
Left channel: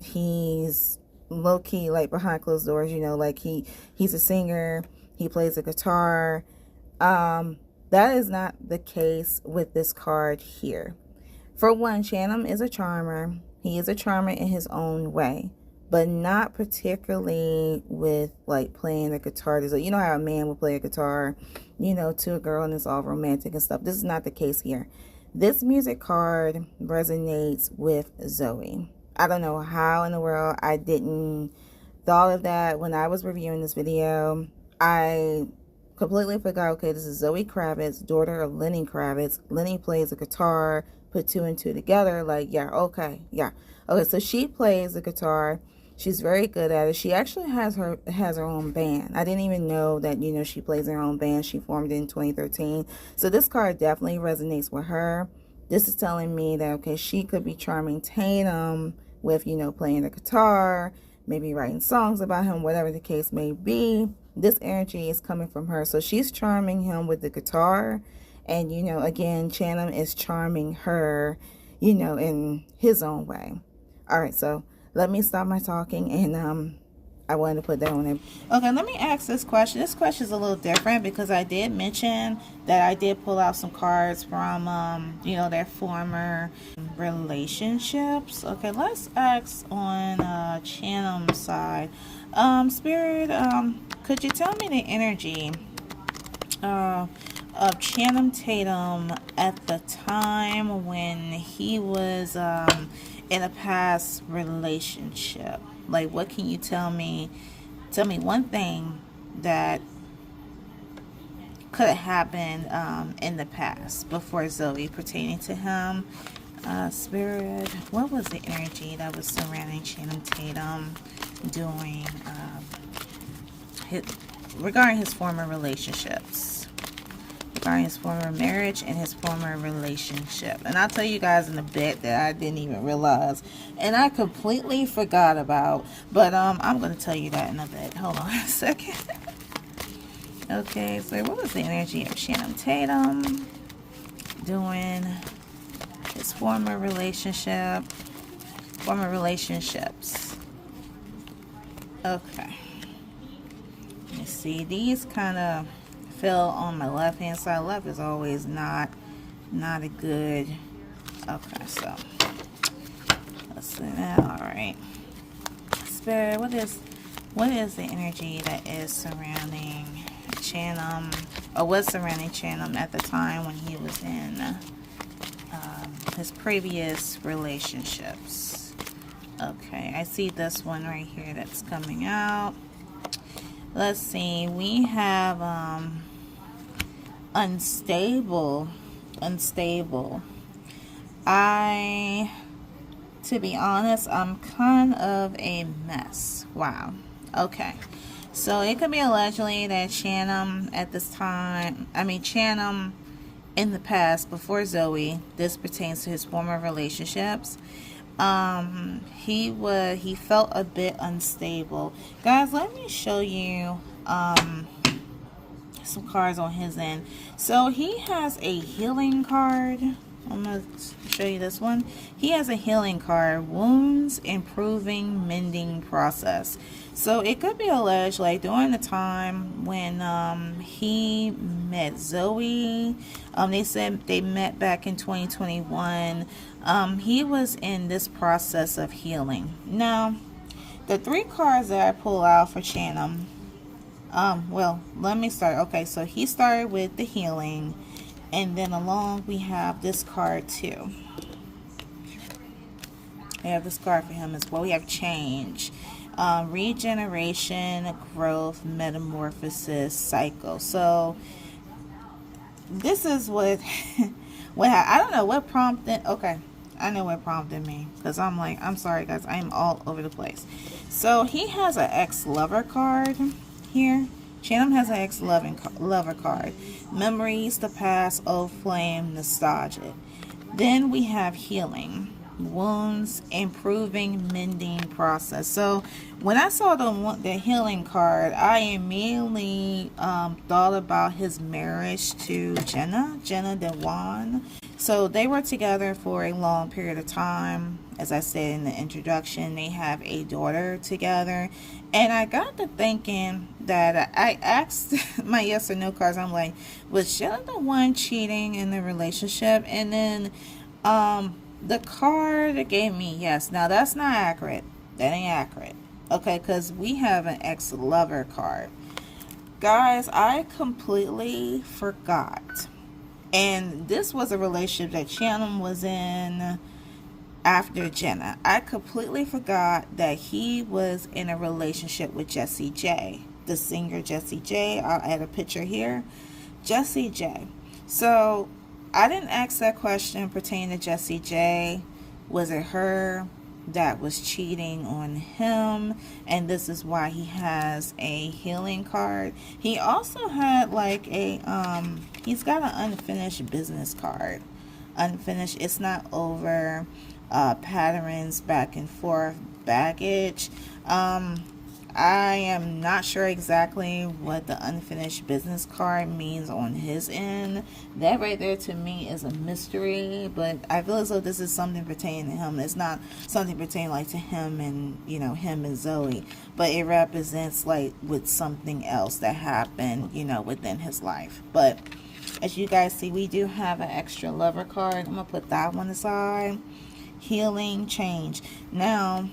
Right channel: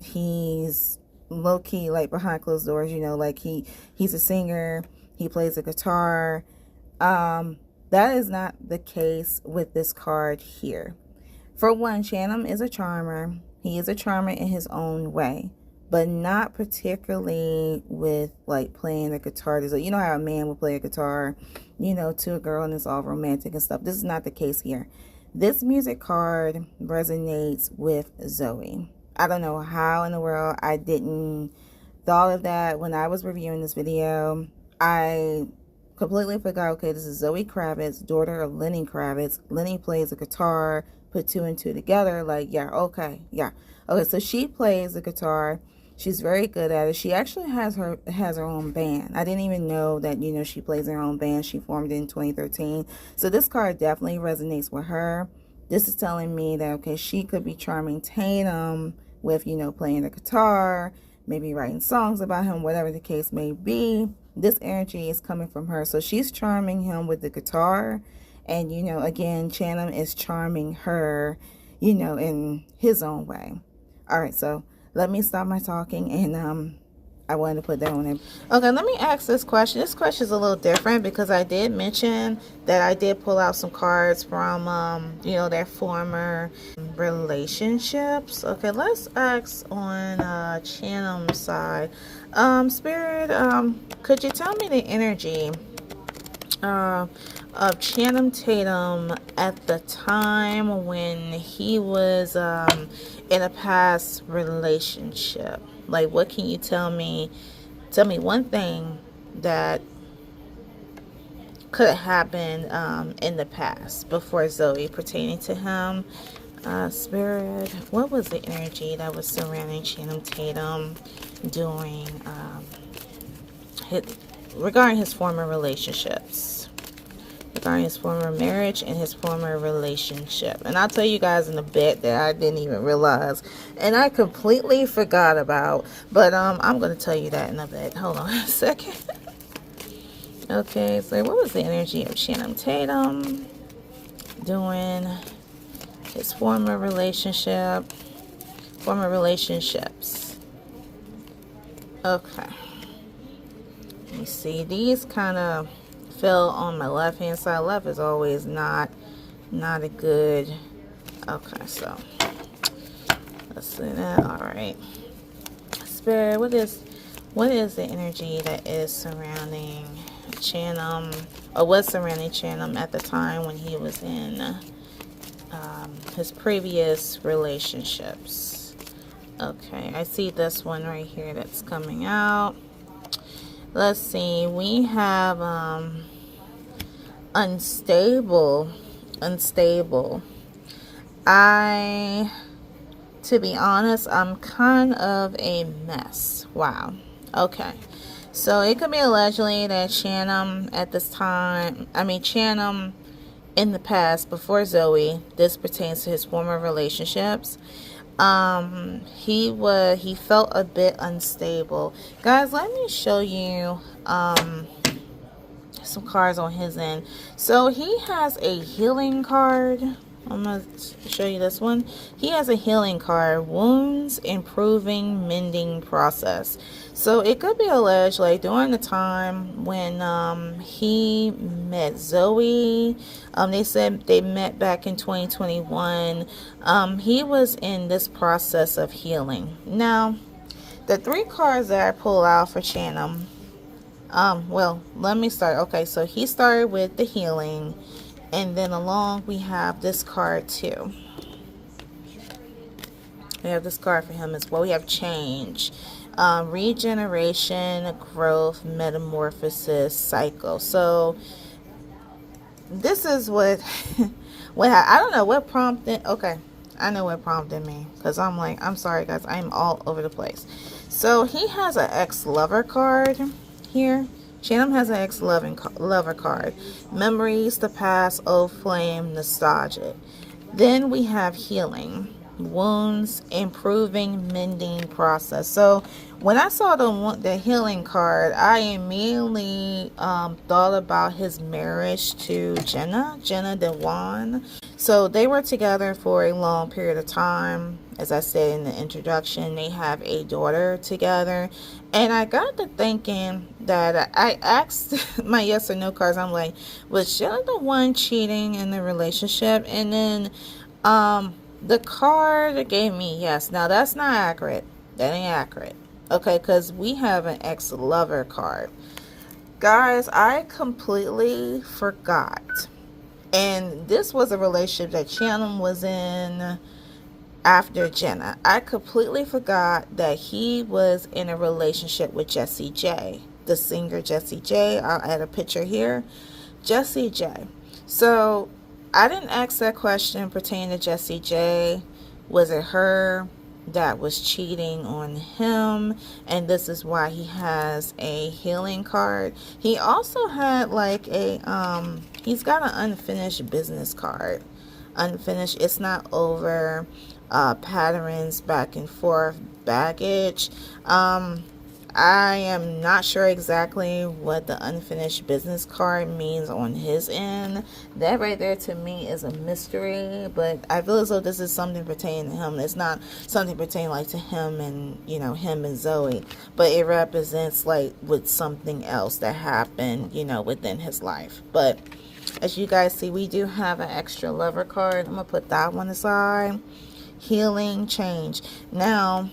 he's low-key, like behind closed doors, like he's a singer, he plays a guitar. That is not the case with this card here. For one, Tatum is a charmer. He is a charmer in his own way, but not particularly with like playing the guitar. You know how a man would play a guitar, to a girl, and it's all romantic and stuff. This is not the case here. This music card resonates with Zoe. I don't know how in the world I didn't thought of that when I was reviewing this video. I completely forgot, okay, this is Zoe Kravitz, daughter of Lenny Kravitz. Lenny plays a guitar, put 2 and 2 together, like, okay, so she plays the guitar. She's very good at it. She actually has her own band. I didn't even know that, she plays her own band. She formed it in 2013. So this card definitely resonates with her. This is telling me that, okay, she could be charming Tatum with, playing the guitar, maybe writing songs about him, whatever the case may be. This energy is coming from her. So she's charming him with the guitar. And, again, Tatum is charming her, in his own way. All right, so let me stop my talking, and I wanted to put that on there. Okay, let me ask this question. This question is a little different because I did mention that I did pull out some cards from, their former relationships. Okay, let's ask on Tatum's side. Spirit, could you tell me the energy of Channing Tatum at the time when he was in a past relationship? Like, what can you tell me? Tell me one thing that could have happened in the past before Zoe pertaining to him. Spirit, what was the energy that was surrounding Channing Tatum during regarding his former relationships? regarding his former marriage and his former relationship. And I'll tell you guys in a bit that I didn't even realize and I completely forgot about, but I'm going to tell you that in a bit. Hold on a second. Okay, so what was the energy of Channing Tatum doing his former relationships? Okay. You see, these kind of fell on my left hand side. Left is always not a good. Okay, so let's see that. All right, Spirit, what is the energy that is surrounding Channing, or was surrounding Channing at the time when he was in his previous relationships? Okay, I see this one right here that's coming out. Let's see, we have unstable. To be honest, I'm kind of a mess. Wow. Okay. So it could be allegedly that Channing at this time, Channing in the past, before Zoe, this pertains to his former relationships. He felt a bit unstable. Guys, let me show you some cards on his end. So he has a healing card. I'm going to show you this one. He has a healing card, wounds, improving, mending process. So it could be alleged, like during the time when he met Zoe, they said they met back in 2021. He was in this process of healing. Now, the 3 cards that I pull out for Channing, well, let me start. Okay, so he started with the healing. And then along we have this card too. We have this card for him as well. We have change, regeneration, growth, metamorphosis, cycle. So this is what I don't know what prompted. Okay, I know what prompted me, because I'm sorry guys, I am all over the place. So he has an ex-lover card here. Channing has an ex-lover card. Memories, the past, old flame, nostalgic. Then we have healing, wounds, improving, mending process. So when I saw the healing card, I immediately thought about his marriage to Jenna Dewan. So they were together for a long period of time. As I said in the introduction, they have a daughter together. And I got to thinking that I asked my yes or no cards. I'm like, was Jenna the one cheating in the relationship? And then the card gave me yes. Now that's not accurate. That ain't accurate. Okay, because we have an ex-lover card. Guys, I completely forgot. And this was a relationship that Channing was in after Jenna. I completely forgot that he was in a relationship with Jessie J, the singer Jessie J. I'll add a picture here. Jessie J. So I didn't ask that question pertaining to Jessie J. Was it her that was cheating on him? And this is why he has a healing card. He also had like a he's got an unfinished business card. Unfinished, it's not over. Patterns, back and forth, baggage. I am not sure exactly what the unfinished business card means on his end. That right there to me is a mystery, but I feel as though this is something pertaining to him. It's not something pertaining like to him and, you know, him and Zoe, but it represents like with something else that happened, you know, within his life. But as you guys see, we do have an extra lover card. I'm gonna put that one aside. Healing, change. Now,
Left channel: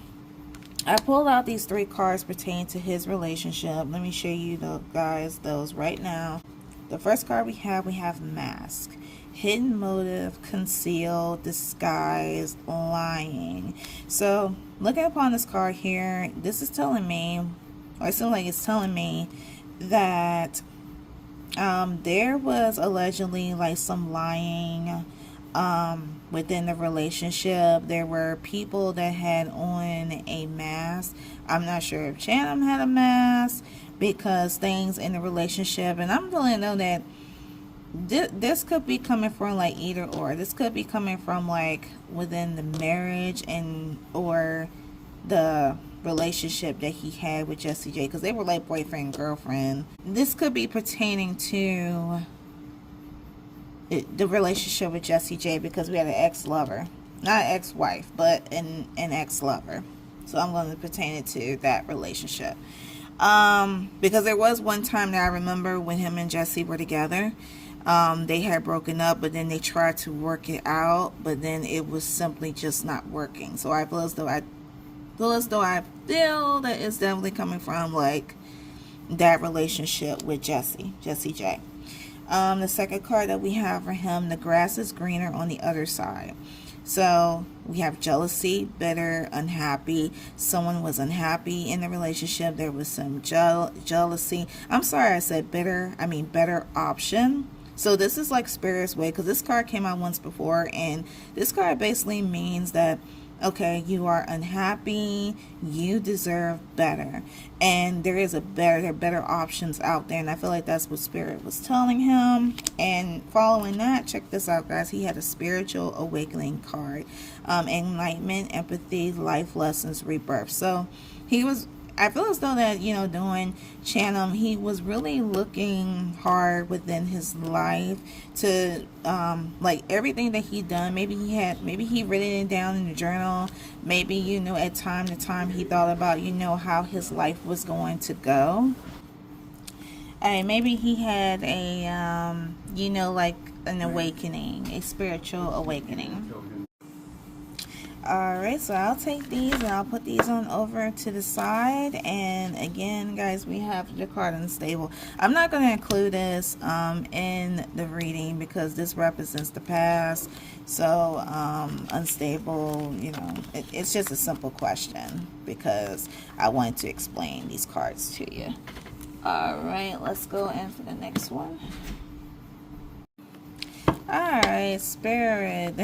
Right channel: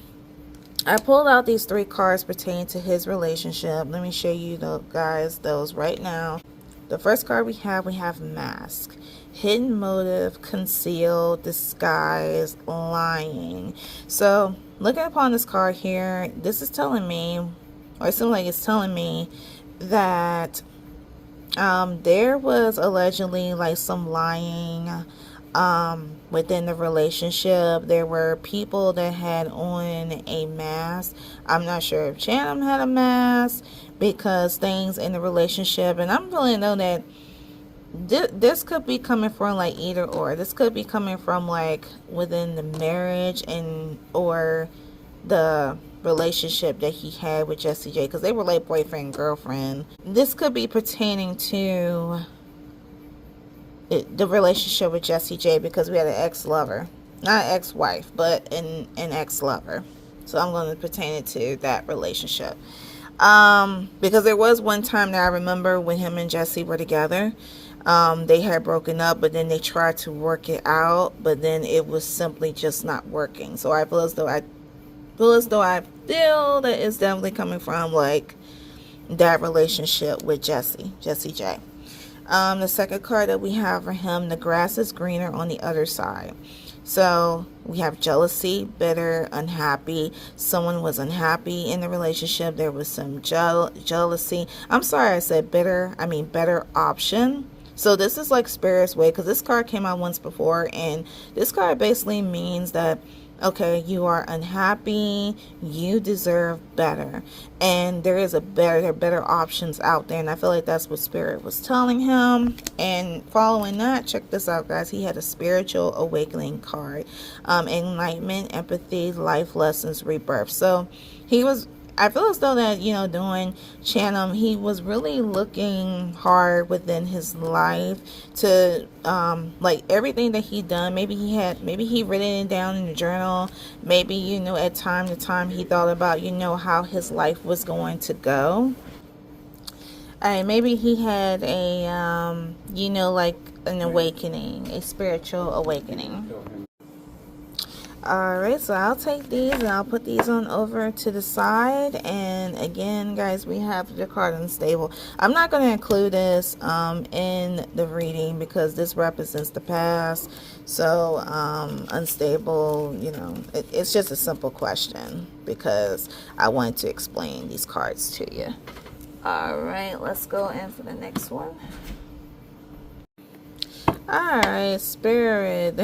I pulled out these 3 cards pertaining to his relationship. Let me show you those right now. The first card we have mask. Hidden motive, conceal, disguise, lying. So, looking upon this card here, this is telling me, or it seems like it's telling me that there was allegedly like some lying within the relationship. There were people that had on a mask. I'm not sure if Channing had a mask, because things in the relationship, and I'm feeling though that this could be coming from like either or. This could be coming from like within the marriage and or the relationship that he had with Jessie J, because they were like boyfriend and girlfriend. This could be pertaining to the relationship with Jessie J, because we had an ex-lover, not an ex-wife, but an ex-lover. So I'm going to pertain it to that relationship. Because there was one time that I remember when him and Jessie were together. They had broken up, but then they tried to work it out, but then it was simply just not working. So I feel as though I feel that it's definitely coming from like that relationship with Jessie J. The second card that we have for him, the grass is greener on the other side. So we have jealousy, bitter, unhappy. Someone was unhappy in the relationship. There was some jealousy. I'm sorry I said bitter. I mean better option. So this is like Spirit's way, because this card came out once before, and this card basically means that, okay, you are unhappy, you deserve better, and there are better options out there, and I feel like that's what Spirit was telling him. And following that, check this out, guys, he had a spiritual awakening card, enlightenment, empathy, life lessons, rebirth. So I feel as though that, you know, doing Chanum, he was really looking hard within his life to, like everything that he done. Maybe he written it down in the journal. Maybe, you know, at time to time he thought about, you know, how his life was going to go. Maybe he had a, you know, like an awakening, a spiritual awakening. Alright, so I'll take these and I'll put these on over to the side. And again, guys, we have the card unstable. I'm not going to include this in the reading because this represents the past. So unstable, you know, it's just a simple question because I wanted to explain these cards to you. Alright, let's go in for the next one. Alright, Spirit.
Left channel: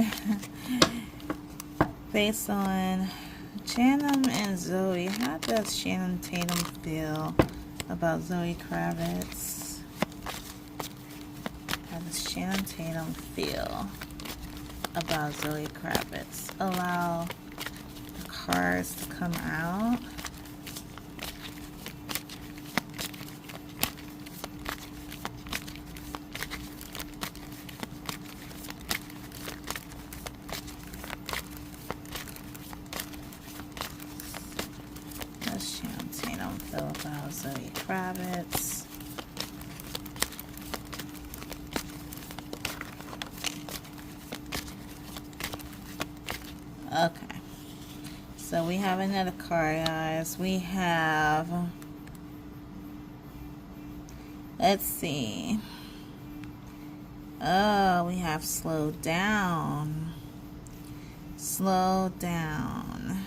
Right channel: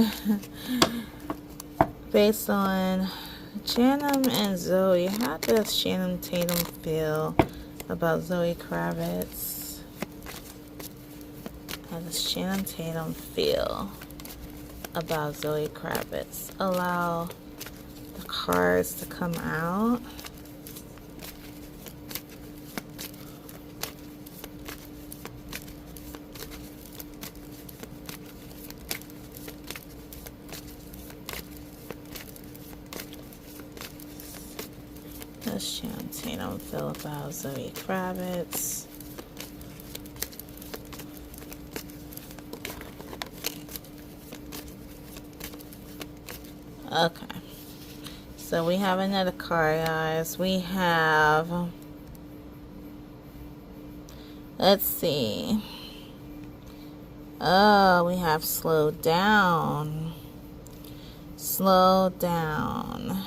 Based on Chanum and Zoe, how does Channing Tatum feel about Zoe Kravitz? How does Channing Tatum feel about Zoe Kravitz? Allow the cards to come out. Let's Tatum feel about Zoe Kravitz. Okay. So we have another card, guys. We have, let's see. Oh, we have slow down. Slow down.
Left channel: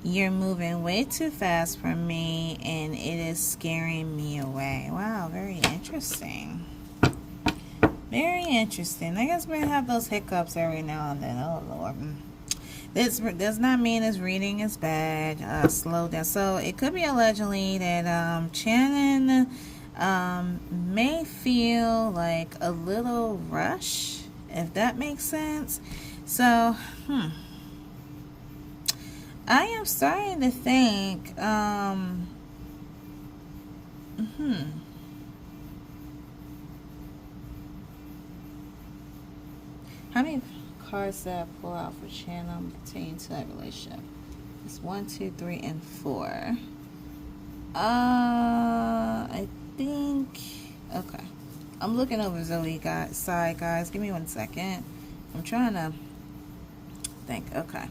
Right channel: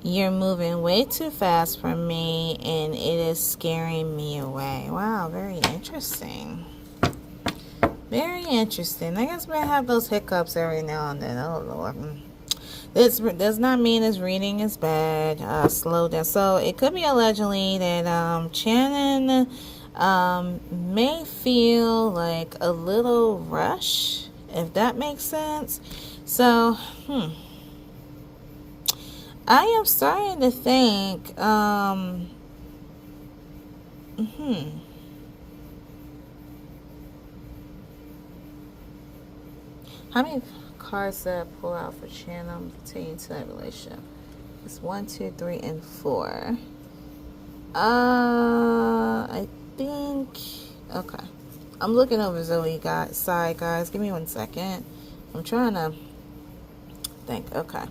You're moving way too fast for me, and it is scaring me away. Wow, very interesting. Very interesting. I guess we're going to have those hiccups every now and then. Oh, Lord. This does not mean this reading is bad. Slow down. So it could be allegedly that Channing may feel like a little rush, if that makes sense. So, I am starting to think, how many cards did I pull out for Channing pertaining to that relationship? It's 1, 2, 3, and 4. I think, okay. I'm looking over Zoe side, guys. Give me 1 second. I'm trying to think. Okay.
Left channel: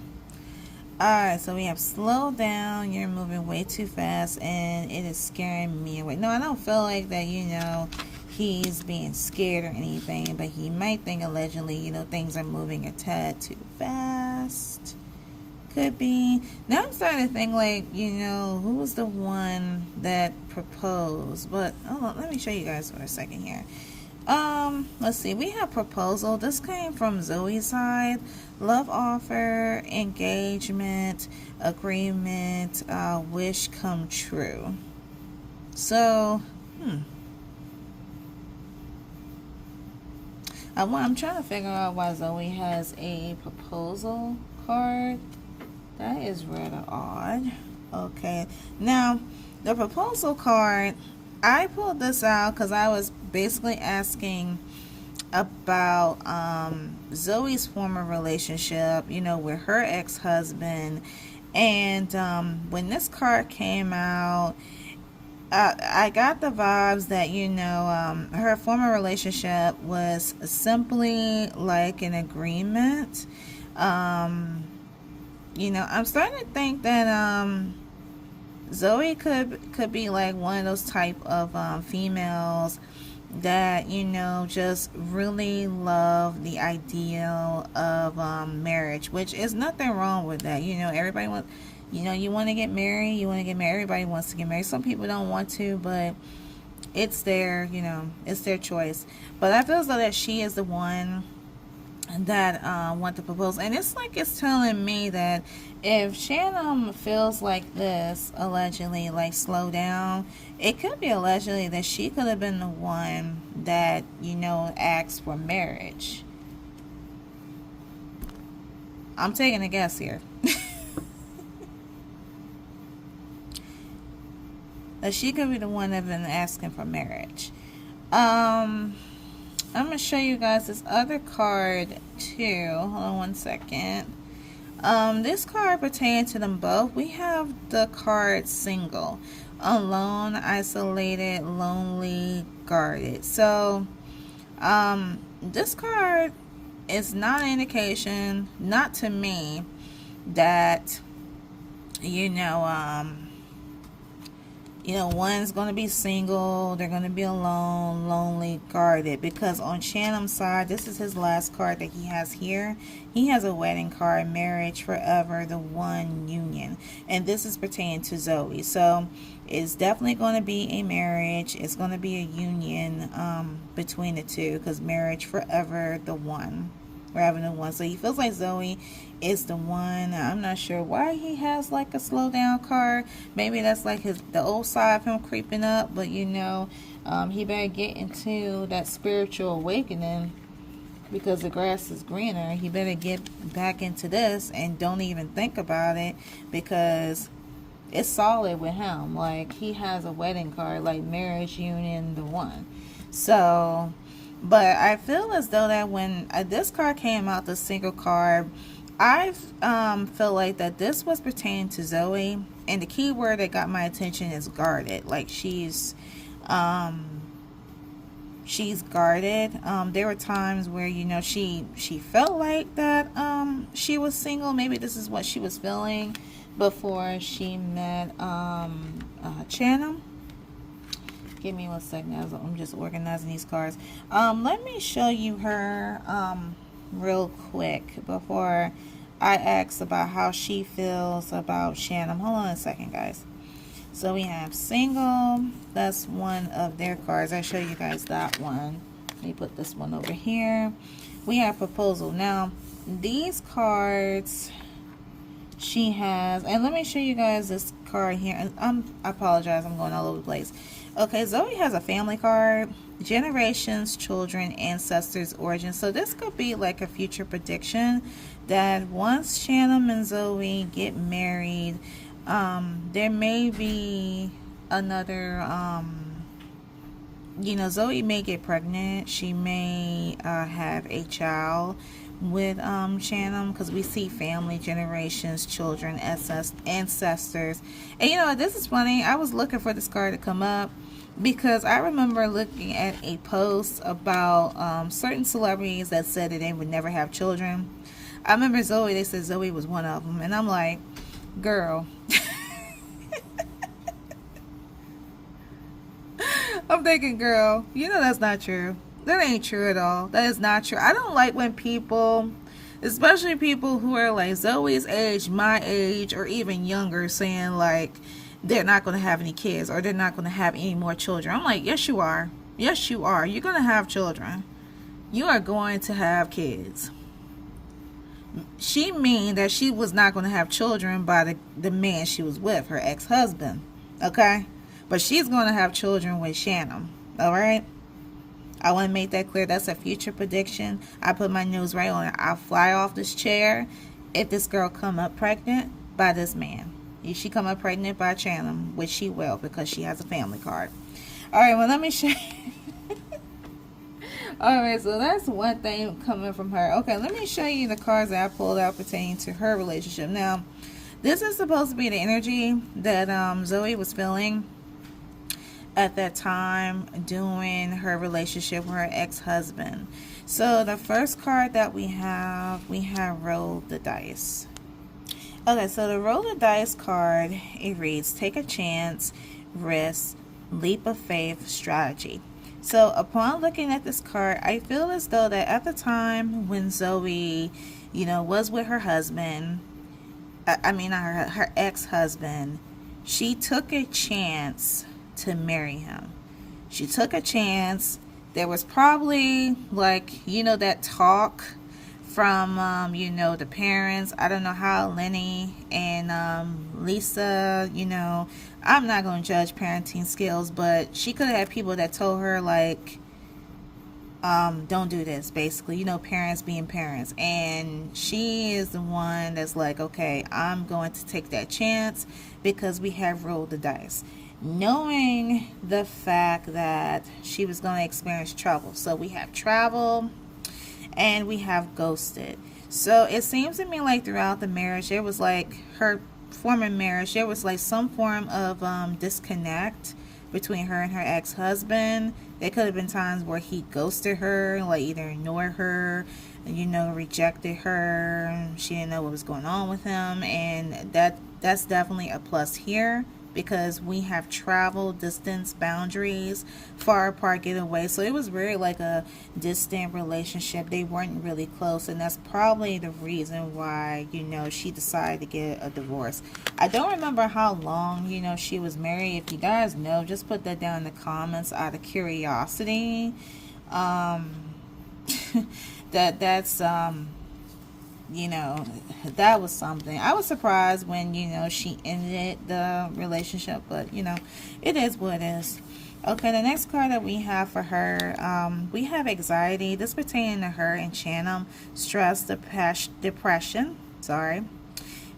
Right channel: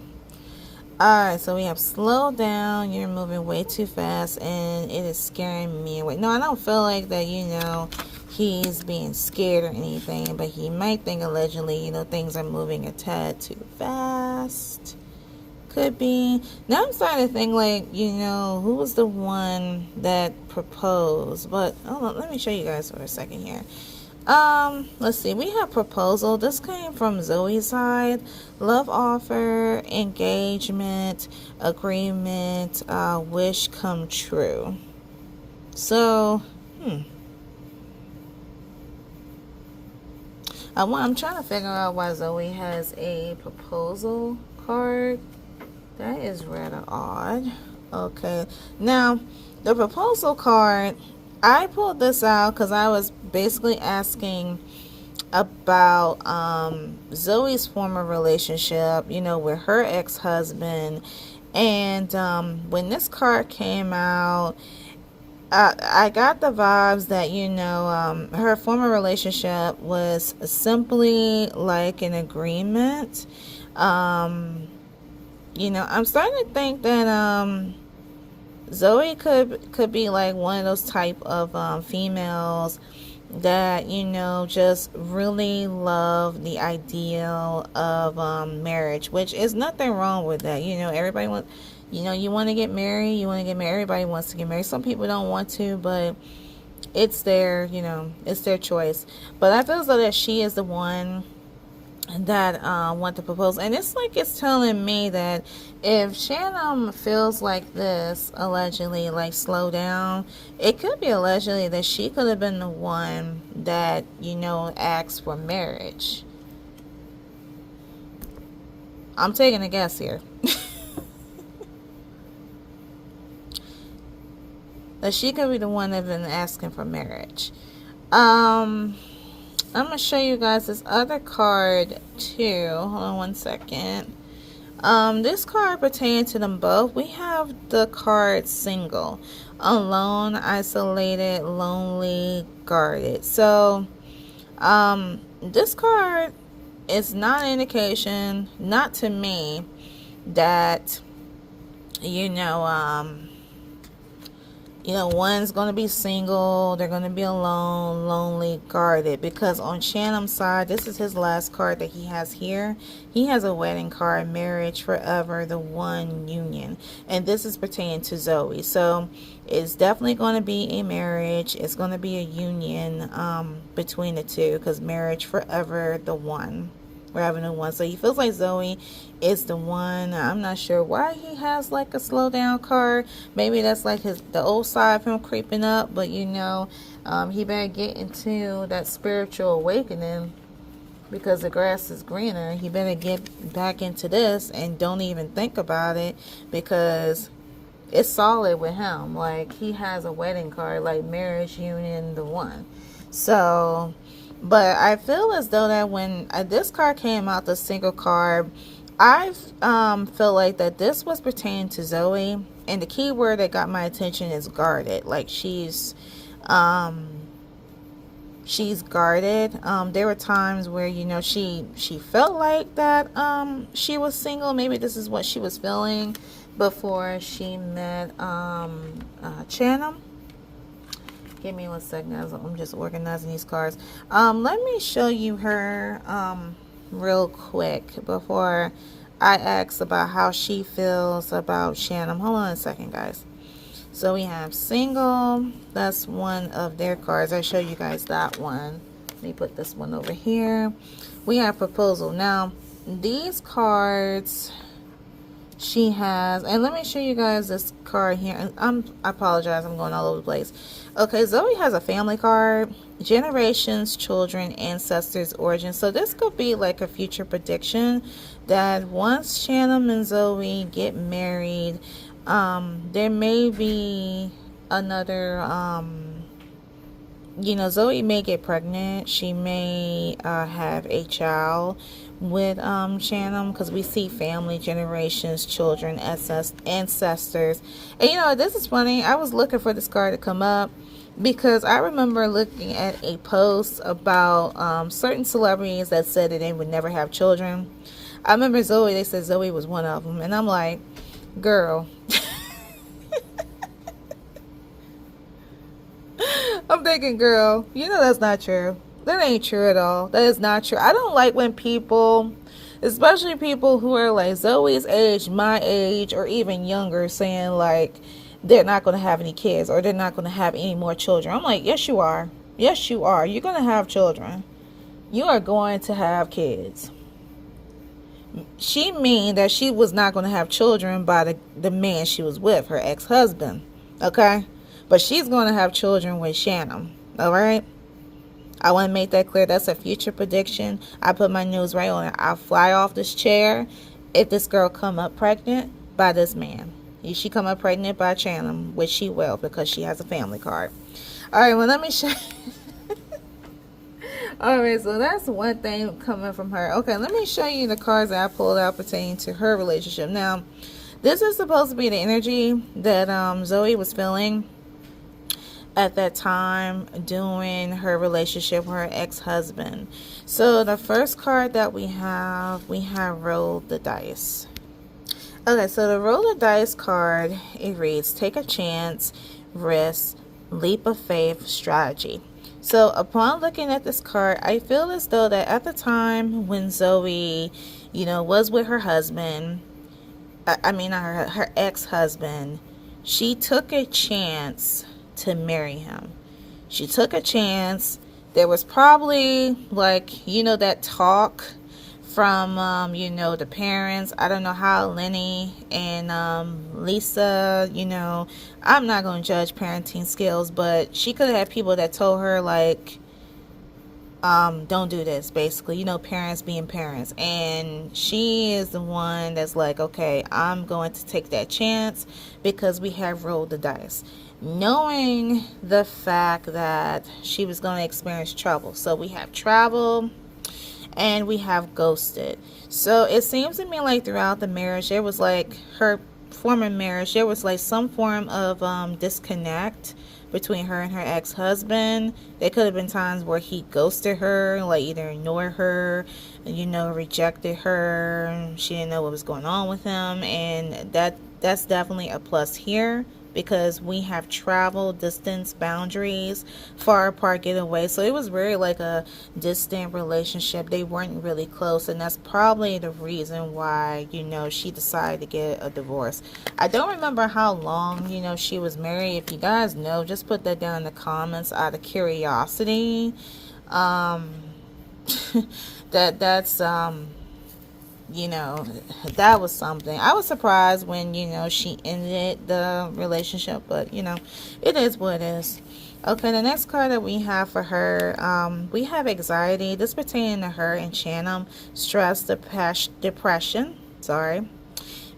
Alright, so we have slow down, you're moving way too fast, and it is scaring me away. No, I don't feel like that, you know, he's being scared or anything, but he might think allegedly, you know, things are moving a tad too fast. Could be. Now I'm starting to think like, you know, who was the one that proposed? But, hold on, let me show you guys for a second here. Let's see, we have proposal. This came from Zoe's side. Love offer, engagement, agreement, wish come true. So, I'm trying to figure out why Zoe has a proposal card. That is rather odd. Okay, now the proposal card, I pulled this out because I was basically asking about Zoe's former relationship, you know, with her ex-husband. And when this card came out, I got the vibes that, you know, her former relationship was simply like an agreement. You know, I'm starting to think that Zoe could be like one of those type of females that, you know, just really love the ideal of marriage, which is nothing wrong with that. You know, everybody wants, you know, you want to get married, everybody wants to get married. Some people don't want to, but it's their, you know, it's their choice. But I feel as though that she is the one that want to propose. And it's like it's telling me that if Shannon feels like this, allegedly, like slow down, it could be allegedly that she could have been the one that, you know, asked for marriage. I'm taking a guess here. That she could be the one that been asking for marriage. I'm going to show you guys this other card too. Hold on one second. This card pertains to them both. We have the card single, alone, isolated, lonely, guarded. So this card is not an indication, not to me, that, you know, one's going to be single, they're going to be alone, lonely, guarded. Because on Shanham's side, this is his last card that he has here. He has a wedding card, marriage, forever, the one, union. And this is pertaining to Zoe. So it's definitely going to be a marriage. It's going to be a union between the two. Because marriage, forever, the one. We're having a one. So he feels like Zoe is the one. I'm not sure why he has like a slow down card. Maybe that's like the old side of him creeping up. But you know, he better get into that spiritual awakening, because the grass is greener. He better get back into this and don't even think about it, because it's solid with him. Like, he has a wedding card, like marriage, union, the one. So, but I feel as though that when this card came out, the single card, I feel like that this was pertaining to Zoe, and the key word that got my attention is guarded. Like, she's guarded. There were times where, you know, she felt like that she was single. Maybe this is what she was feeling before she met Chanham. Give me 1 second, I'm just organizing these cards. Let me show you her real quick before I ask about how she feels about Shannon. Hold on a second, guys. So we have single. That's one of their cards. I show you guys that one. Let me put this one over here. We have proposal. Now, these cards she has, and let me show you guys this card here. I apologize, I'm going all over the place. Okay, Zoe has a family card, generations, children, ancestors, origins. So this could be like a future prediction that once Shannon and Zoe get married, there may be another, you know, Zoe may get pregnant. She may have a child with Shannon, because we see family, generations, children, ancestors. And you know, this is funny. I was looking for this card to come up because I remember looking at a post about certain celebrities that said that they would never have children. I remember Zoe, they said Zoe was one of them, and I'm like, girl. I'm thinking, girl, you know that's not true. That ain't true at all. That is not true. I don't like when people, especially people who are like Zoe's age, my age, or even younger, saying like they're not going to have any kids or they're not going to have any more children. I'm like, yes, you are. Yes, you are. You're going to have children. You are going to have kids. She mean that she was not going to have children by the man she was with, her ex-husband. Okay? But she's going to have children with Shannon. All right? I want to make that clear. That's a future prediction. I put my news right on it. I'll fly off this chair if this girl come up pregnant by this man. If she come up pregnant by Chandler, which she will because she has a family card. All right, well, let me show you. All right, so that's one thing coming from her. Okay, let me show you the cards that I pulled out pertaining to her relationship. Now, this is supposed to be the energy that Zoe was feeling at that time during her relationship with her ex-husband. So the first card that we have Roll the Dice. Okay, so the Roll the Dice card, it reads, take a chance, risk, leap of faith, strategy. So upon looking at this card, I feel as though that at the time when Zoe, was with her husband, her ex-husband, she took a chance to marry him. She took a chance. There was probably that talk from the parents. I don't know how Lenny and Lisa, I'm not going to judge parenting skills, but she could have had people that told her don't do this, basically, parents being parents. And she is the one that's like, okay, I'm going to take that chance because we have rolled the dice, knowing the fact that she was going to experience trouble. So we have travel and we have ghosted. So it seems to me like throughout the marriage, there was her former marriage, there was some form of disconnect between her and her ex-husband. There could have been times where he ghosted her, either ignored her, rejected her. She didn't know what was going on with him, and that's definitely a plus here because we have travel, distance, boundaries, far apart, get away. So it was very a distant relationship. They weren't really close, and that's probably the reason why, she decided to get a divorce. I don't remember how long, she was married. If you guys know, just put that down in the comments out of curiosity. That's that was something. I was surprised when, she ended the relationship, but, it is what it is. Okay, the next card that we have for her, we have anxiety. This pertaining to her and Chanum, stress, depression,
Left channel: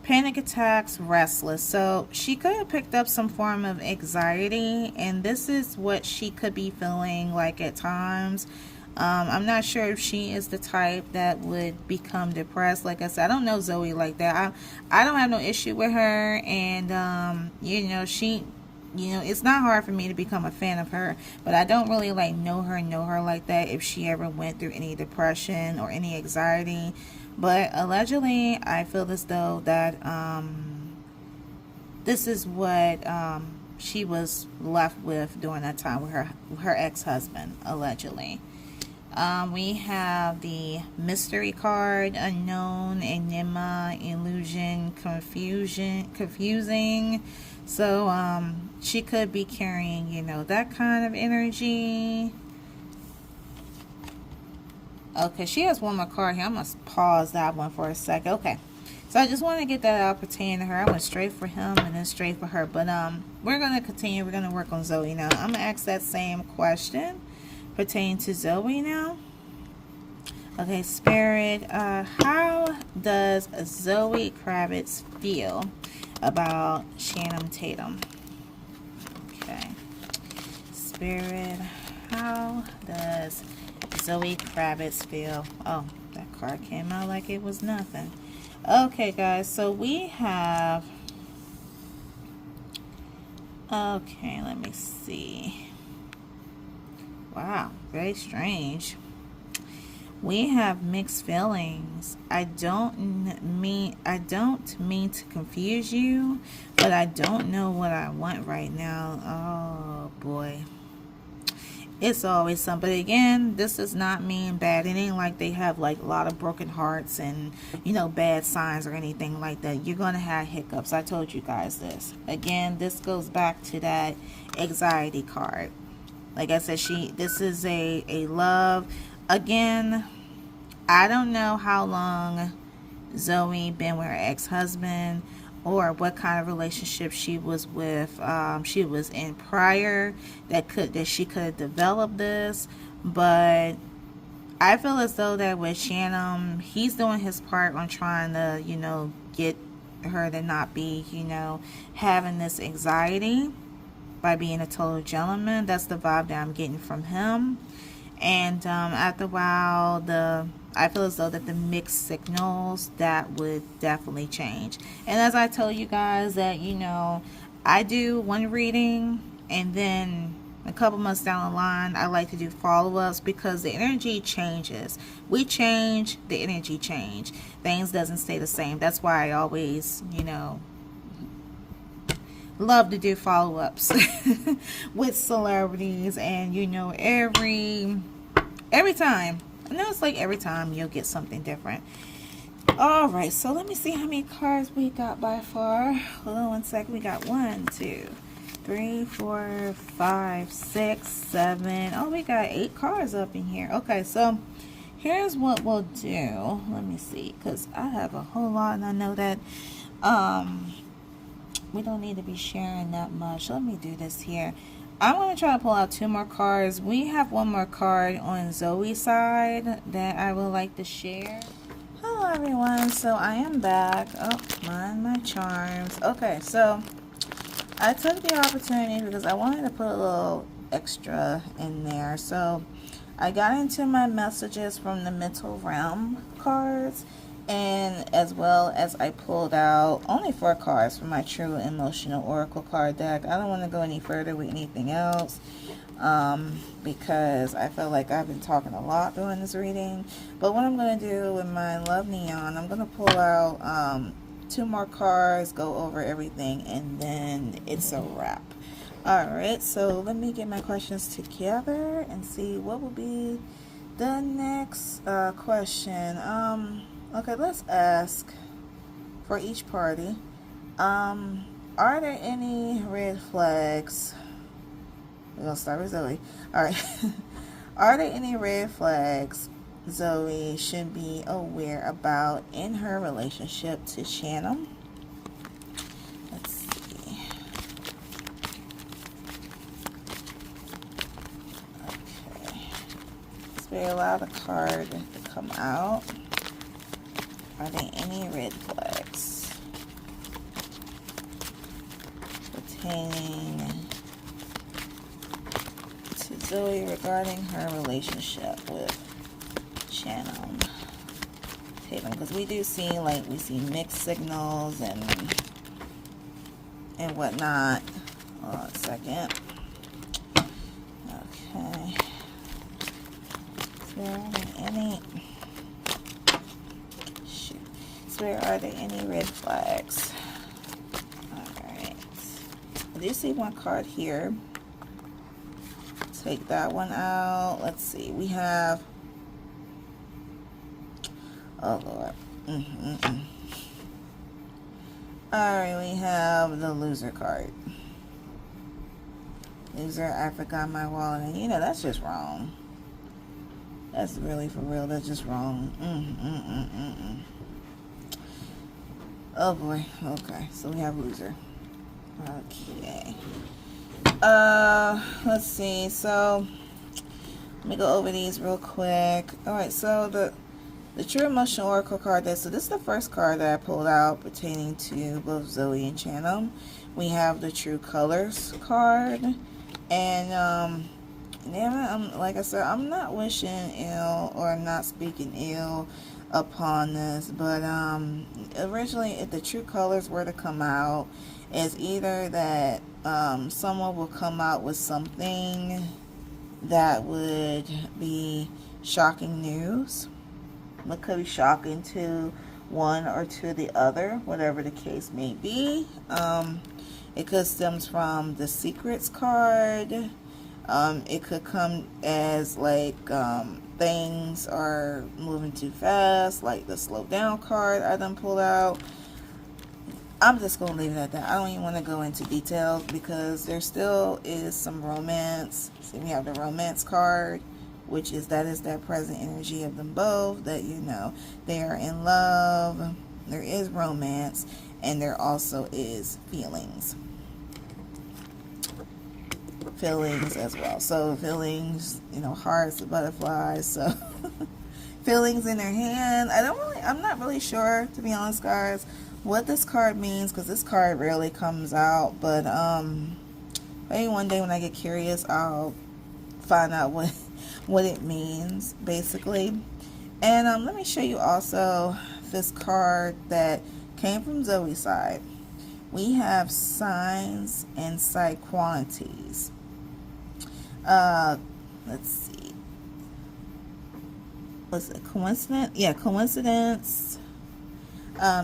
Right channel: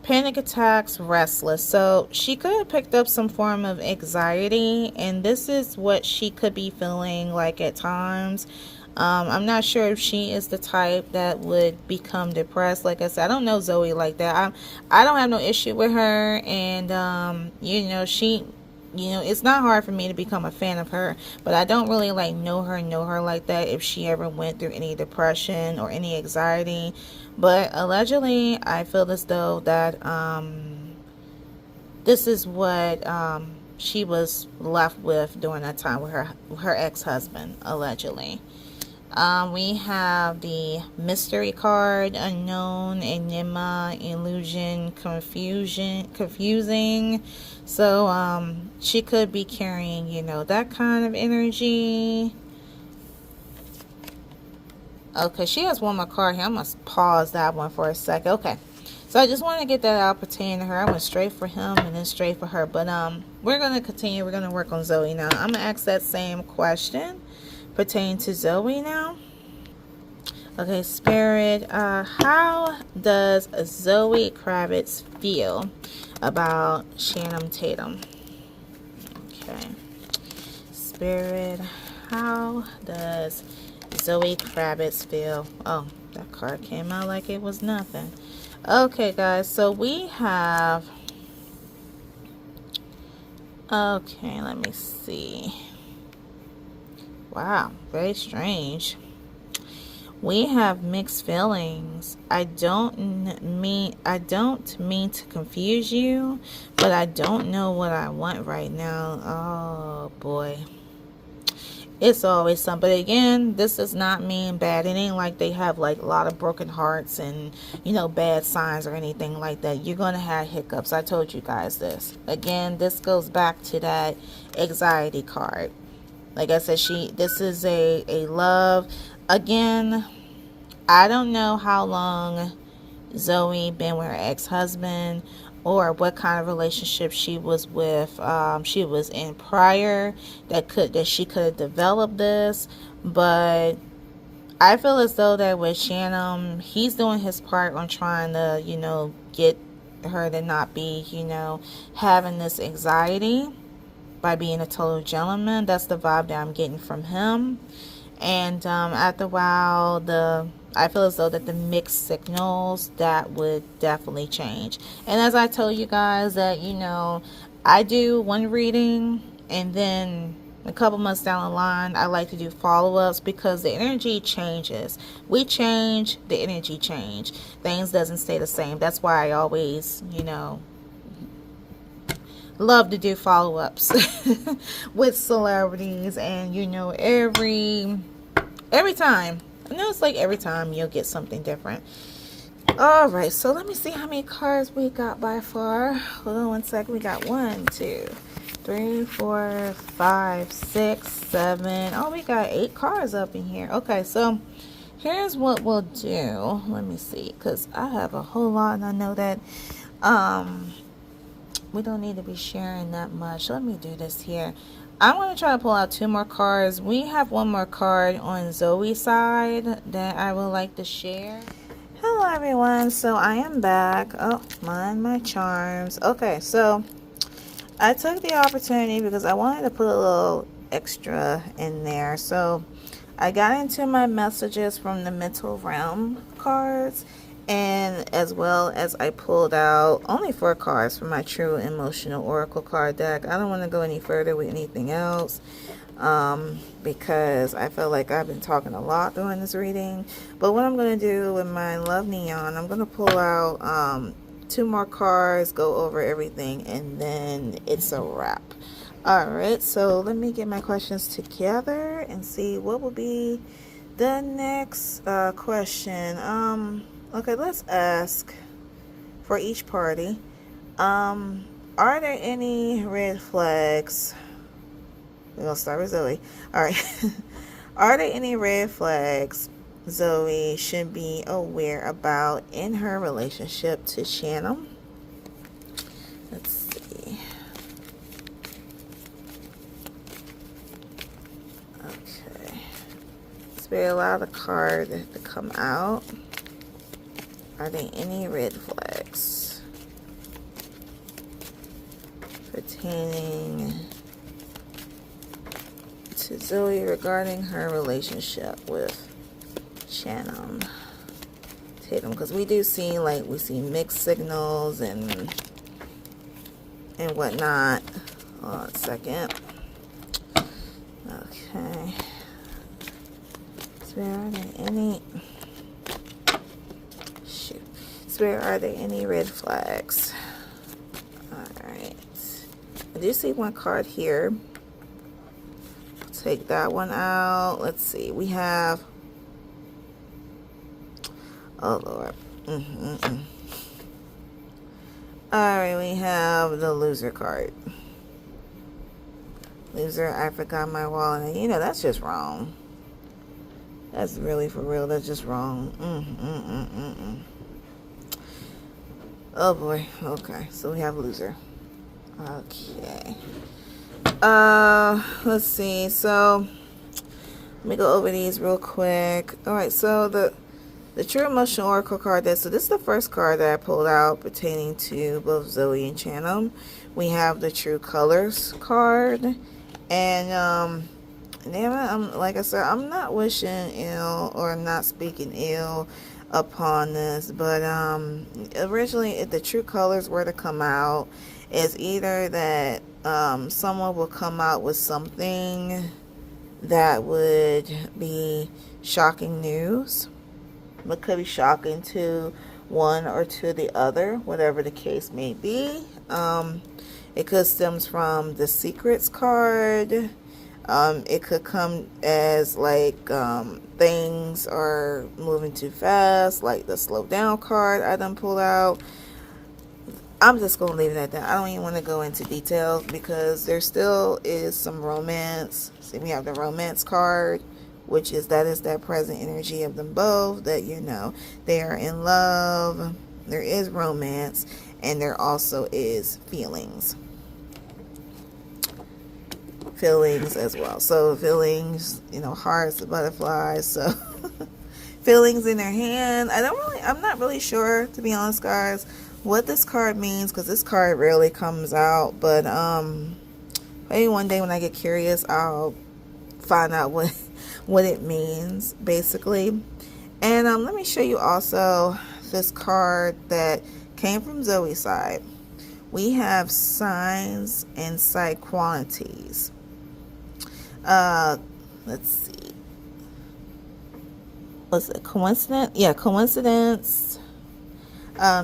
panic attacks, restless. So she could have picked up some form of anxiety, and this is what she could be feeling at times. I'm not sure if she is the type that would become depressed. Like I said, I don't know Zoe like that. I don't have no issue with her, and she, it's not hard for me to become a fan of her, but I don't really know her like that, if she ever went through any depression or any anxiety. But allegedly, I feel as though that this is what she was left with during that time with her ex-husband, allegedly. We have the mystery card, unknown, enigma, illusion, confusing. So she could be carrying, that kind of energy. Okay, she has one more card here. I'm going to pause that one for a second. Okay, so I just want to get that out pertaining to her. I went straight for him and then straight for her. But we're going to continue. We're going to work on Zoe now. I'm going to ask that same question pertaining to Zoe now. Okay, Spirit, how does Zoe Kravitz feel about Channing Tatum? Okay, Spirit, how does Zoe Kravitz feel? Oh, that card came out like it was nothing. Okay, guys, so we have, okay, let me see. Wow, very strange. We have mixed feelings. I don't mean to confuse you, but I don't know what I want right now. Oh boy. It's always something. But again, this does not mean bad. It ain't like they have a lot of broken hearts and bad signs or anything like that. You're gonna have hiccups. I told you guys this. Again, this goes back to that anxiety card. Like I said, this is a love. Again, I don't know how long Zoe been with her ex-husband or what kind of relationship she was with. She was in prior that she could have developed this. But I feel as though that with Shannon, he's doing his part on trying to, you know, get her to not be, you know, having this anxiety by being a total gentleman. That's the vibe that I'm getting from him. And after a while, I feel as though that the mixed signals, that would definitely change. And as I told you guys that, you know, I do one reading and then a couple months down the line I like to do follow-ups, because the energy changes. We change, the energy change. Things doesn't stay the same. That's why I always, you know, love to do follow-ups with celebrities. And you know, every time, I know it's like every time you'll get something different. All right, so let me see how many cards we got by far. Hold on one second. We got 1, 2, 3, 4, 5, 6, 7. Oh, we got 8 cards up in here. Okay, so here's what we'll do. Let me see, because I have a whole lot, and I know that we don't need to be sharing that much. Let me do this here. I'm going to try to pull out 2 more cards. We have 1 more card on Zoe's side that I would like to share. Hello everyone, so I am back. Oh, mind my charms. Okay, so I took the opportunity because I wanted to put a little extra in there. So I got into my messages from the Mental Relem cards, and as well as I pulled out only 4 cards from my True Emotional Oracle card deck. I don't want to go any further with anything else because I feel like I've been talking a lot during this reading. But what I'm going to do with my Love Neon, I'm going to pull out 2 more cards, go over everything, and then it's a wrap. Alright, so let me get my questions together and see what will be the next question. Okay, let's ask for each party. Are there any red flags? We're going to start with Zoe. Alright. Are there any red flags Zoe should be aware about in her relationship to Channel? Let's see. Okay. Spirit, allow the card to come out. Are there any red flags pertaining to Zoe regarding her relationship with Shannon Tatum? Because we do see, like, we see mixed signals and whatnot. Hold on a second. Okay. Spirit, are there any... Shoot. Spirit, are there any red flags? Alright. I do see 1 card here. Take that one out. Let's see. We have... Oh, Lord. Alright, we have the loser card. Loser, I forgot my wallet. And you know, that's just wrong. That's really for real. That's just wrong. Oh, boy. Okay, so we have loser. Okay. Let's see. So, let me go over these real quick. Alright, so the True Emotional Oracle card deck. So this is the first card that I pulled out pertaining to both Zoe and Channel. We have the True Colors card. And, like I said, I'm not wishing ill or not speaking ill upon this. But, originally, if the True Colors were to come out, it's either that someone will come out with something that would be shocking news. It could be shocking to one or to the other, whatever the case may be. It could stems from the Secrets card. It could come as like things are moving too fast, like the slow down card I done pulled out. I'm just going to leave it at that. I don't even want to go into details because there still is some romance. See, we have the romance card, which is that present energy of them both, that, you know, they are in love, there is romance, and there also is feelings. feelings as well. So feelings, you know, hearts, butterflies. So feelings in their hand. I'm not really sure, to be honest, guys, what this card means, because this card rarely comes out. But maybe one day when I get curious, I'll find out what it means, basically. And let me show you also this card that came from Zoe's side. We have signs and side qualities. Let's see. Was it coincidence? Yeah, coincidence.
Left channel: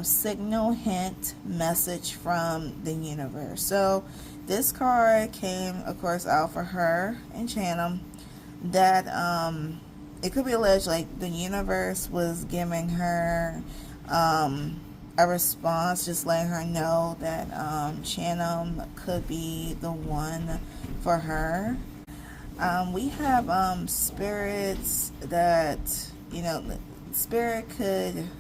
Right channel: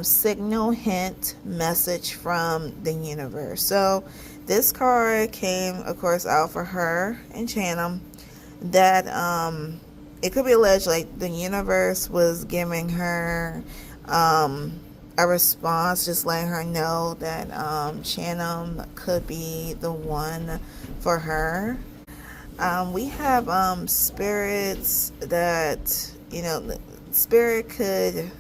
Signal, hint, message from the universe. So this card came, of course, out for her and Tatum. That it could be alleged like the universe was giving her a response, just letting her know that Tatum could be the one for her. We have spirits that, you know, spirit could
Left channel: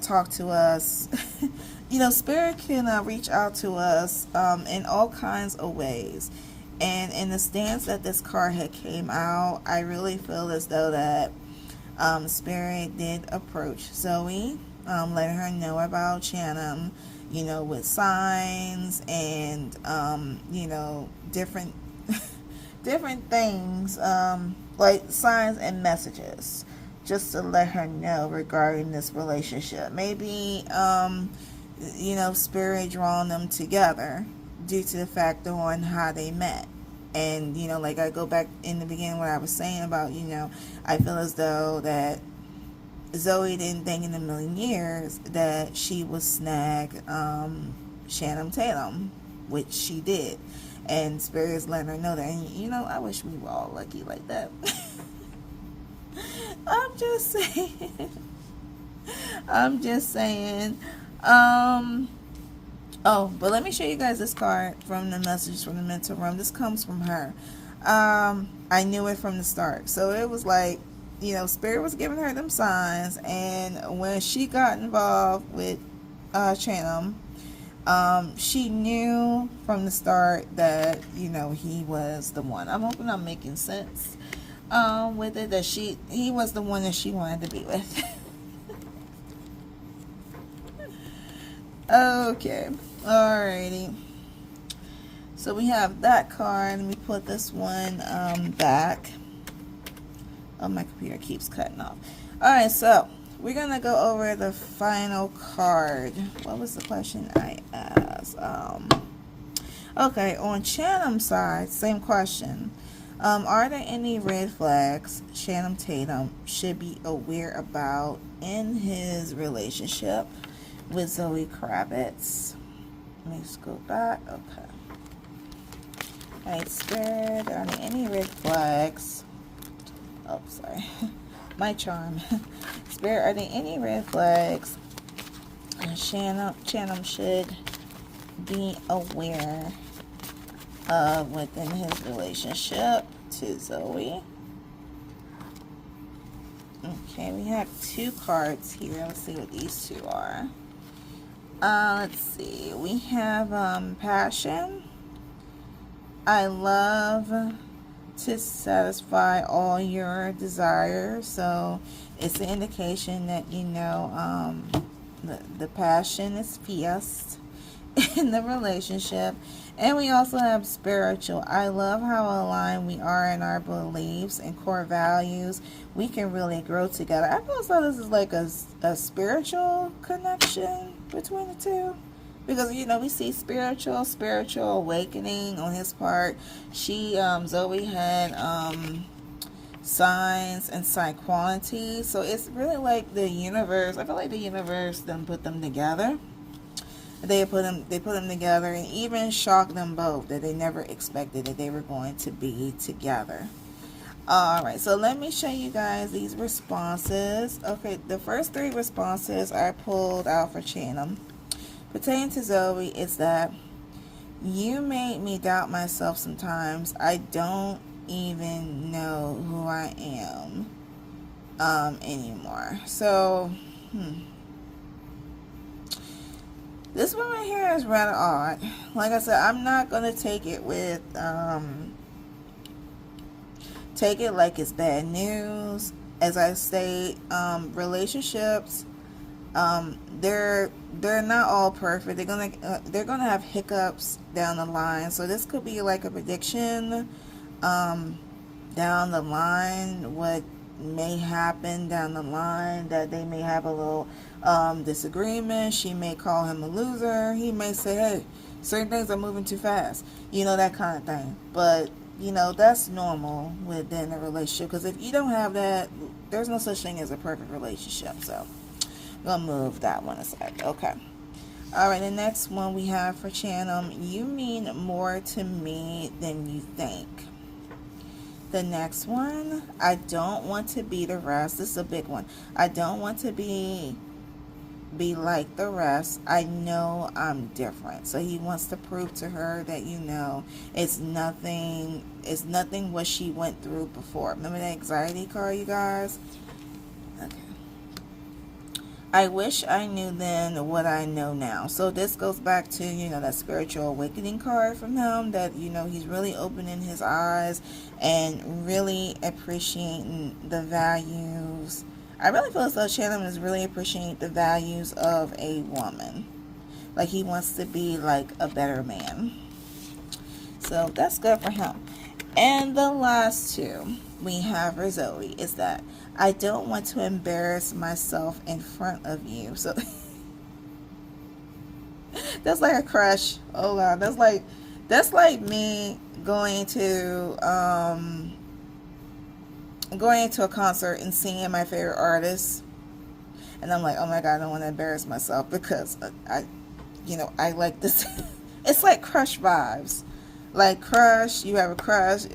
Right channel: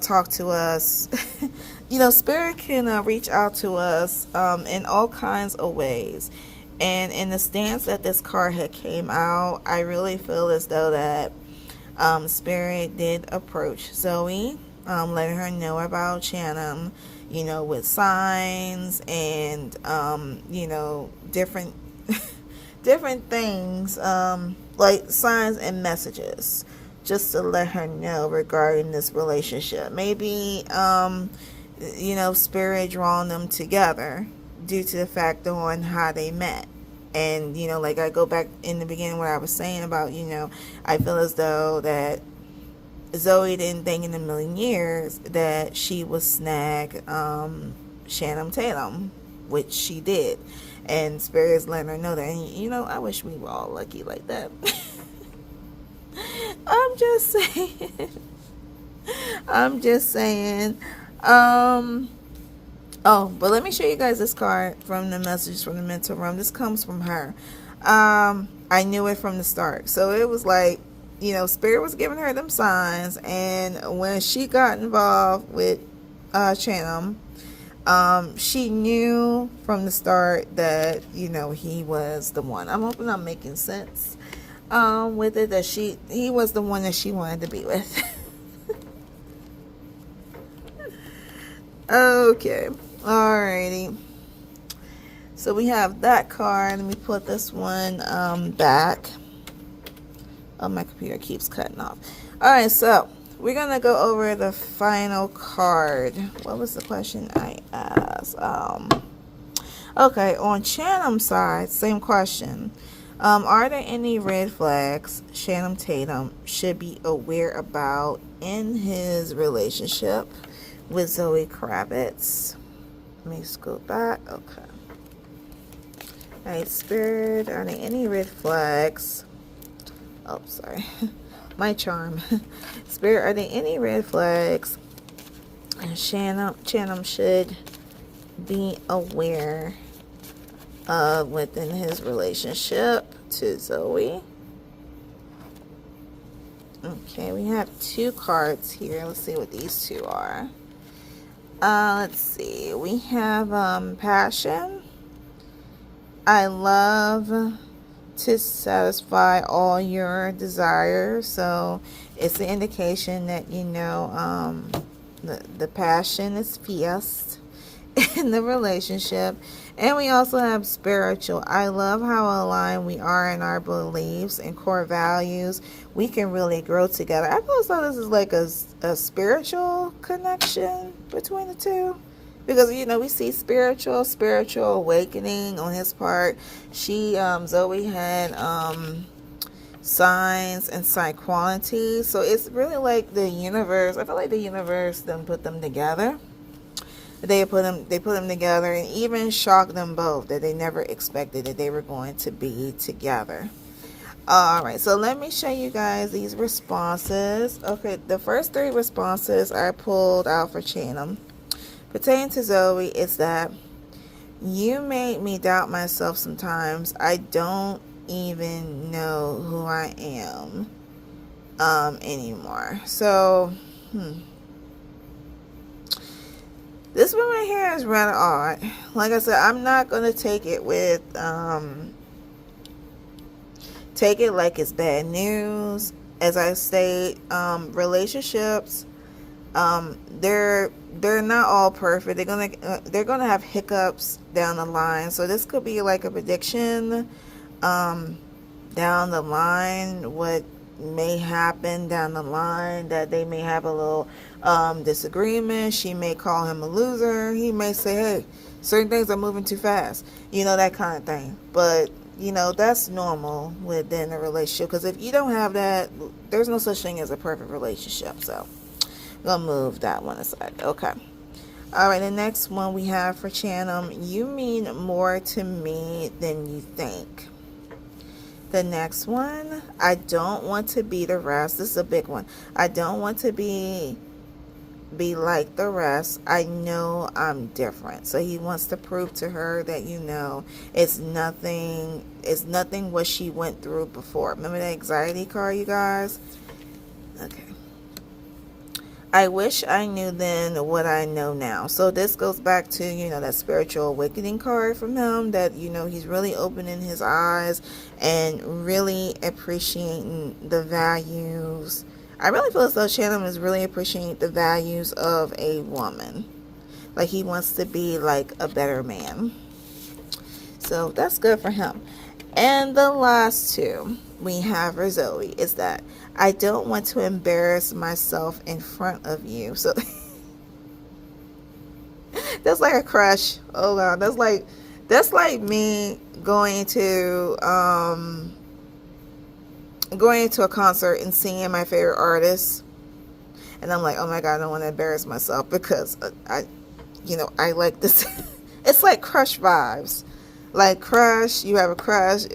talk to us. You know, spirit can reach out to us in all kinds of ways. And in the stance that this card had came out, I really feel as though that spirit did approach Zoe, letting her know about Tatum, you know, with signs and you know, different different things, like signs and messages, just to let her know regarding this relationship. Maybe you know, spirit drawing them together due to the fact on how they met. And, you know, like I go back in the beginning what I was saying about, you know, I feel as though that Zoe didn't think in a million years that she would snag Tatum, which she did. And Spirit's letting her know that. And, you know, I wish we were all lucky like that. I'm just saying. I'm just saying. Oh, but let me show you guys this card from the message from the Mental Relem. This comes from her. I knew it from the start. So it was like, you know, Spirit was giving her them signs. And when she got involved with Tatum, she knew from the start that, you know, he was the one. I'm hoping I'm making sense with it, that he was the one that she wanted to be with. Okay. Alrighty. So we have that card. Let me put this one back. Oh, my computer keeps cutting off. Alright, so we're going to go over the final card. What was the question I asked? Okay, on Tatum's side, same question. Are there any red flags Channing Tatum should be aware about in his relationship with Zoe Kravitz? Let me just go back. Okay. Alright, Spirit, are there any red flags? Oh, sorry. My charm. Spirit, are there any red flags Channing should be aware of within his relationship to Zoe? Okay, we have two cards here. Let's see what these two are. Let's see. We have passion. I love to satisfy all your desires. So it's an indication that, you know, the passion is fierce in the relationship. And we also have spiritual. I love how aligned we are in our beliefs and core values. We can really grow together. I feel as though this is like a spiritual connection between the two. Because, you know, we see spiritual awakening on his part. Zoe had signs and side qualities. So it's really like the universe. I feel like the universe then put them together. They put them together and even shocked them both that they never expected that they were going to be together. Alright, so let me show you guys these responses. Okay, the first three responses I pulled out for Tatum. Pertaining to Zoe, is that you made me doubt myself sometimes. I don't even know who I am anymore. So, this one right here is rather odd. Like I said, I'm not going to take it with take it like it's bad news. As I say, relationships, they're not all perfect. They're gonna have hiccups down the line. So this could be like a prediction down the line, what may happen down the line, that they may have a little disagreement. She may call him a loser. He may say, hey, certain things are moving too fast, that kind of thing. But that's normal within a relationship, because if you don't have that, there's no such thing as a perfect relationship. So I'm gonna move that one aside. Okay. All right, the next one we have for Chanum: you mean more to me than you think. The next one: I don't want to be the rest. This is a big one. I don't want to be like the rest. I know I'm different. So he wants to prove to her that it's nothing what she went through before. Remember the anxiety card, you guys? Okay. I wish I knew then what I know now. So this goes back to, that spiritual awakening card from him, that, he's really opening his eyes and really appreciating the values. I really feel as though Chanum is really appreciating the values of a woman. Like he wants to be like a better man. So that's good for him. And the last two we have for Zoe is that I don't want to embarrass myself in front of you. So that's like a crush. Oh God, that's like me going into a concert and singing my favorite artist, and I'm like, oh my God, I don't want to embarrass myself because I like this. It's like crush vibes. Like crush, you have a crush.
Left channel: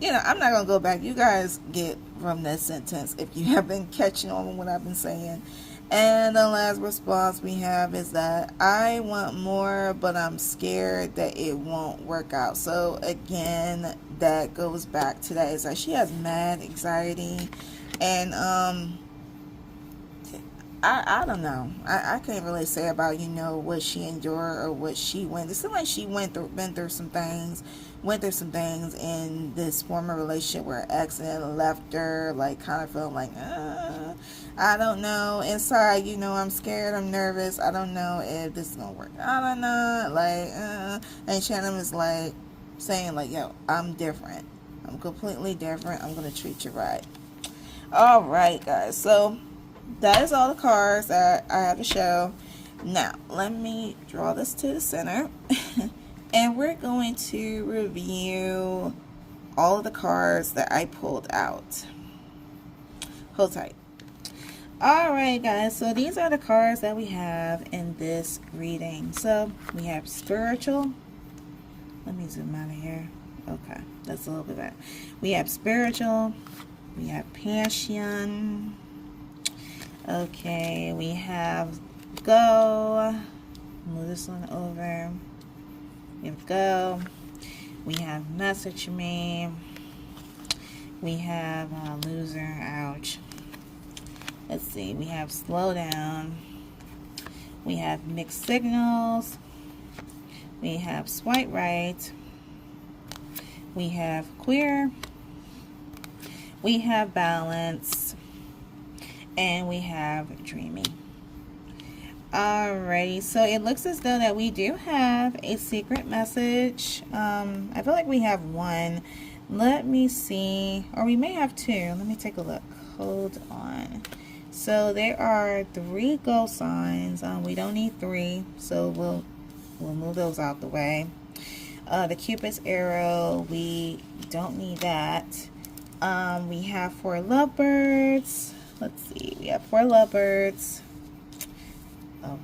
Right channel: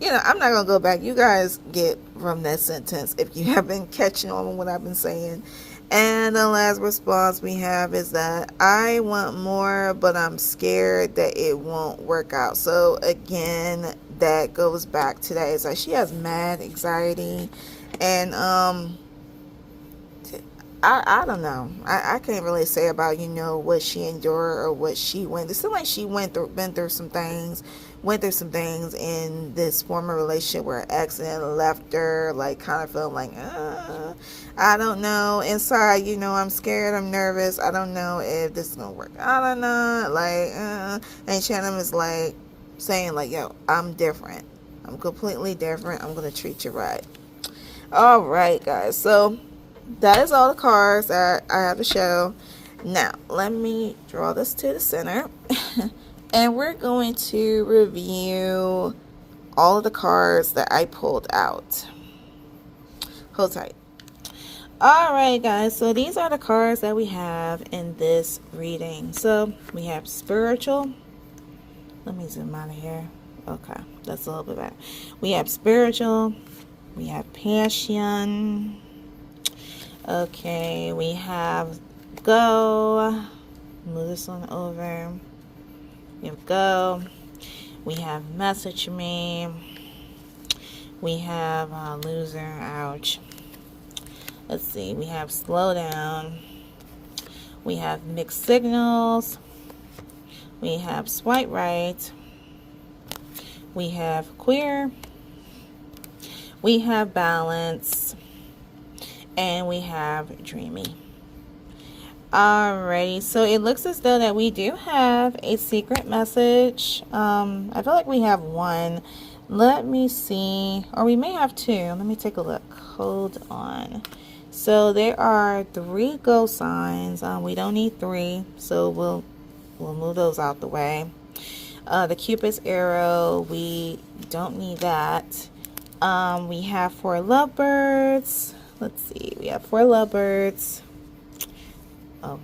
I'm not gonna go back. You guys get from that sentence if you have been catching on what I've been saying. And the last response we have is that I want more, but I'm scared that it won't work out. So again, that goes back to that. It's like she has mad anxiety, and I don't know. I can't really say about what she endured or what she went. It seems like she been through some things. Went through some things in this former relationship where her ex and left her, like kind of felt like, I don't know. Inside, I'm scared, I'm nervous. I don't know if this is gonna work. I don't know. Like, and Shannon is like saying like, yo, I'm different. I'm completely different. I'm gonna treat you right. All right, guys. So that is all the cards that I have to show. Now, let me draw this to the center. And we're going to review all of the cards that I pulled out. Hold tight. Alright guys, so these are the cards that we have in this reading. So we have spiritual. Let me zoom out of here. Okay, that's a little bit better. We have spiritual. We have passion. Okay, we have go. Move this one over. We have go. We have message me. We have loser. Ouch. Let's see. We have slow down. We have mixed signals. We have swipe right. We have queer. We have balance. And we have dreamy. Alrighty, so it looks as though that we do have a secret message. I feel like we have one. Let me see, or we may have two. Let me take a look. Hold on. So there are 3 go signs. We don't need 3, so we'll move those out the way. The Cupid's arrow, we don't need that. We have 4 lovebirds. Let's see, we have 4 lovebirds. Oh,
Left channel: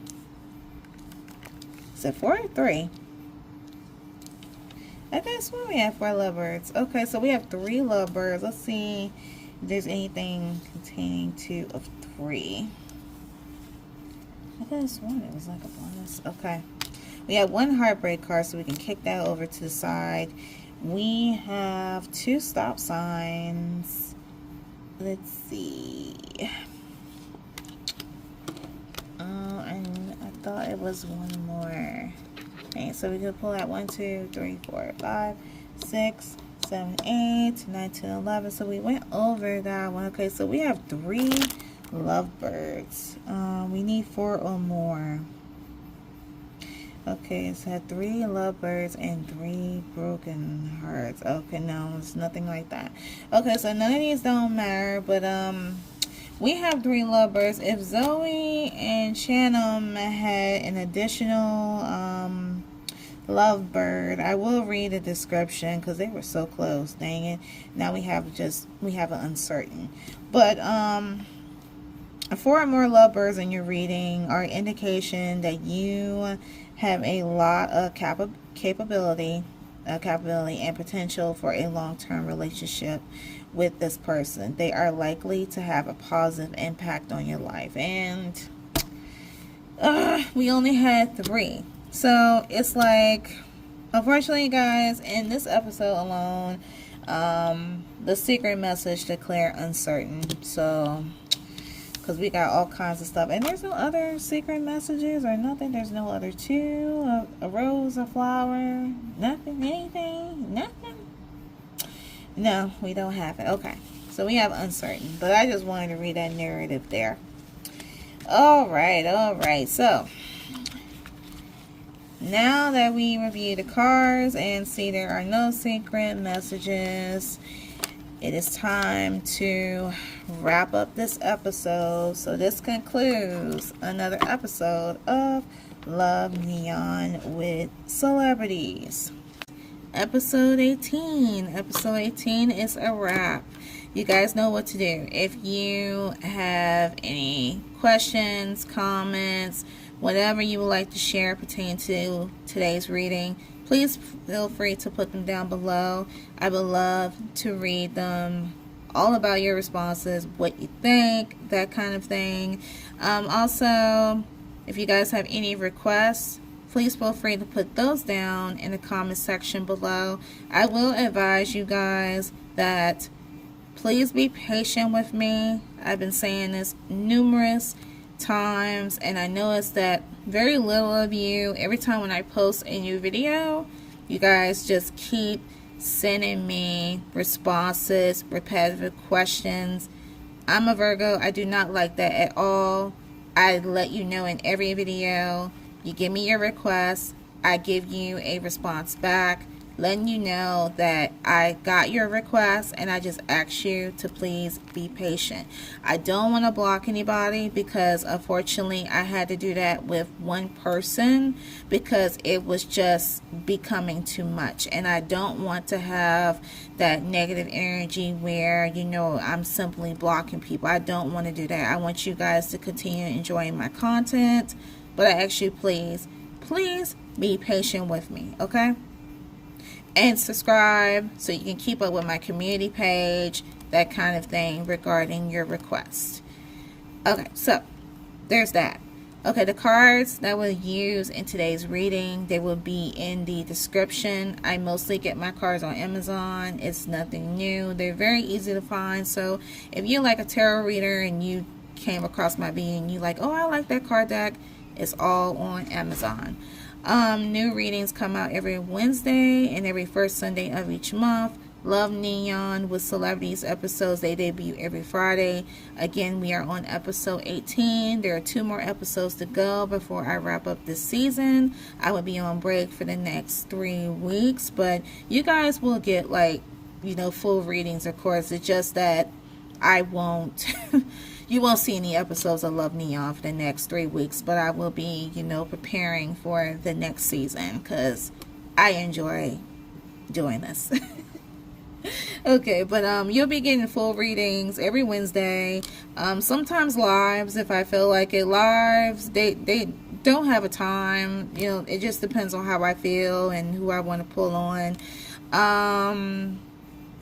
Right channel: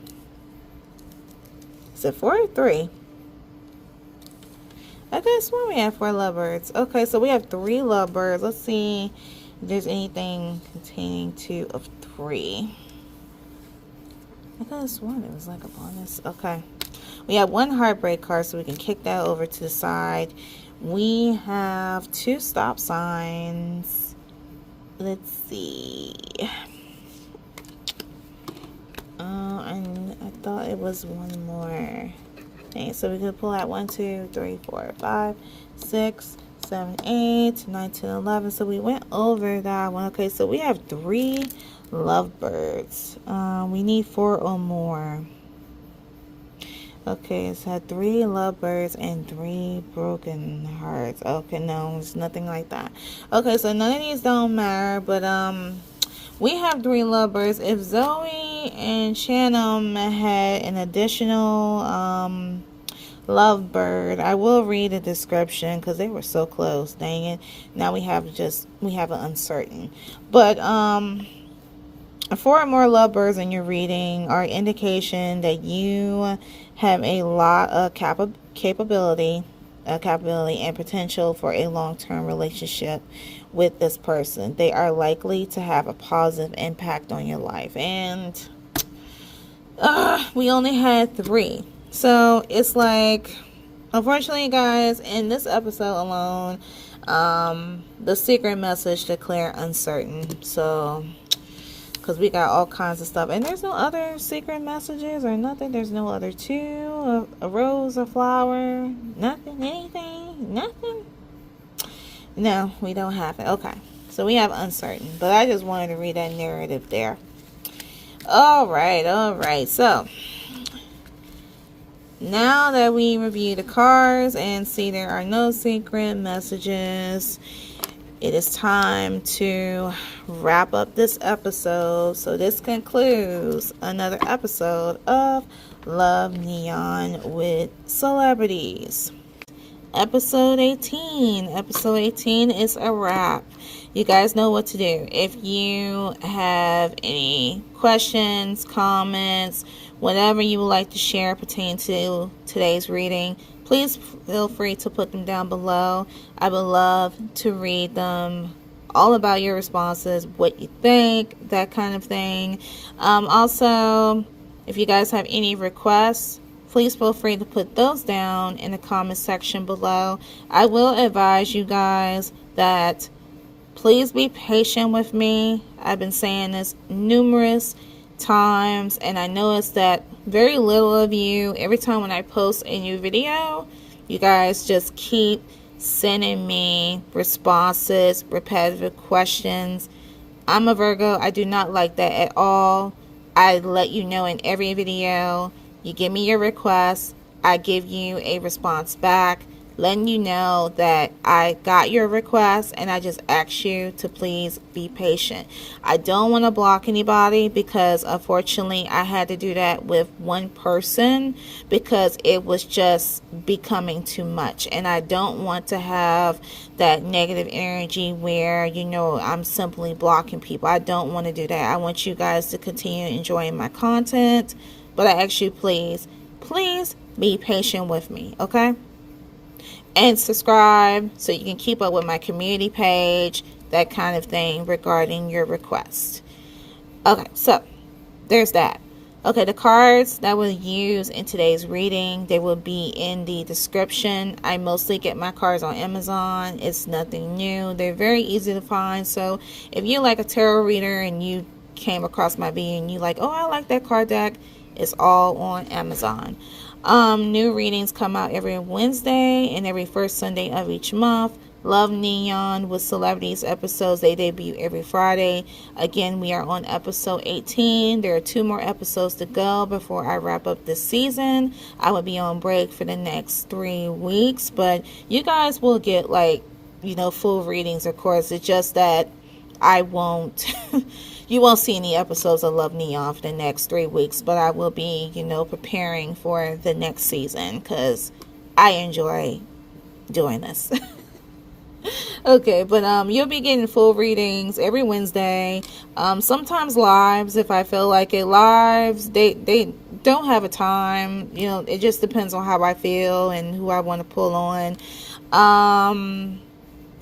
is it 4 or 3? I could have sworn we had 4 lovebirds. Okay, so we have 3 lovebirds. Let's see if there's anything containing 2 of 3. I could have sworn it was like a bonus. Okay, we have 1 heartbreak card, so we can kick that over to the side. We have 2 stop signs. Let's see. And I thought it was 1 more. Okay, so we could pull out 1, 2, 3, 4, 5, 6, 7, 8, 9, 10, 11. So we went over that one. Okay, so we have 3 lovebirds. We need 4 or more. Okay, it's had 3 lovebirds and 3 broken hearts. Okay, no, it's nothing like that. Okay, so none of these don't matter, but we have 3 lovebirds. If Zoe and Shannon had an additional lovebird, I will read the description because they were so close. Dang it! Now we have an uncertain, but 4 or more lovebirds in your reading are indication that you have a lot of capability and potential for a long-term relationship with this person. They are likely to have a positive impact on your life. And we only had 3. So it's like, unfortunately, guys, in this episode alone, the secret message declared uncertain. So, because we got all kinds of stuff. And there's no other secret messages or nothing. There's no other 2, a rose, a flower, nothing, anything, nothing. No, we don't have it. Okay, so we have uncertain. But I just wanted to read that narrative there. All right. So, now that we review the cards and see there are no secret messages, it is time to wrap up this episode. So this concludes another episode of Love Neon with Celebrities. Episode 18. Episode 18 is a wrap. You guys know what to do. If you have any questions, comments, whatever you would like to share pertaining to today's reading, please feel free to put them down below. I would love to read them, all about your responses, what you think, that kind of thing. Also, if you guys have any requests, please feel free to put those down in the comment section below. I will advise you guys that please be patient with me. I've been saying this numerous times, and I noticed that very little of you, every time when I post a new video, you guys just keep sending me responses, repetitive questions. I'm a Virgo. I do not like that at all. I let you know in every video. You give me your request, I give you a response back, letting you know that I got your request, and I just ask you to please be patient. I don't want to block anybody because unfortunately I had to do that with one person because it was just becoming too much, and I don't want to have that negative energy where, you know, I'm simply blocking people. I don't want to do that. I want you guys to continue enjoying my content, but I ask you, please be patient with me, okay? And subscribe so you can keep up with my community page, that kind of thing regarding your request. Okay, so there's that. Okay, the cards that we'll use in today's reading, they will be in the description. I mostly get my cards on Amazon. It's nothing new. They're very easy to find. So if you're like a tarot reader and you came across my video and you like, oh, I like that card deck, it's all on Amazon. New readings come out every Wednesday and every first Sunday of each month. Love Neon with Celebrities episodes, they debut every Friday. Again, we are on episode 18. There are 2 more episodes to go before I wrap up this season. I will be on break for the next 3 weeks, but you guys will get, like, you know, full readings, of course. It's just that I won't you won't see any episodes of Love Neon for the next 3 weeks, but I will be, you know, preparing for the next season because I enjoy doing this. Okay, but you'll be getting full readings every Wednesday. Sometimes lives if I feel like it. Lives, they don't have a time. You know, it just depends on how I feel and who I want to pull on.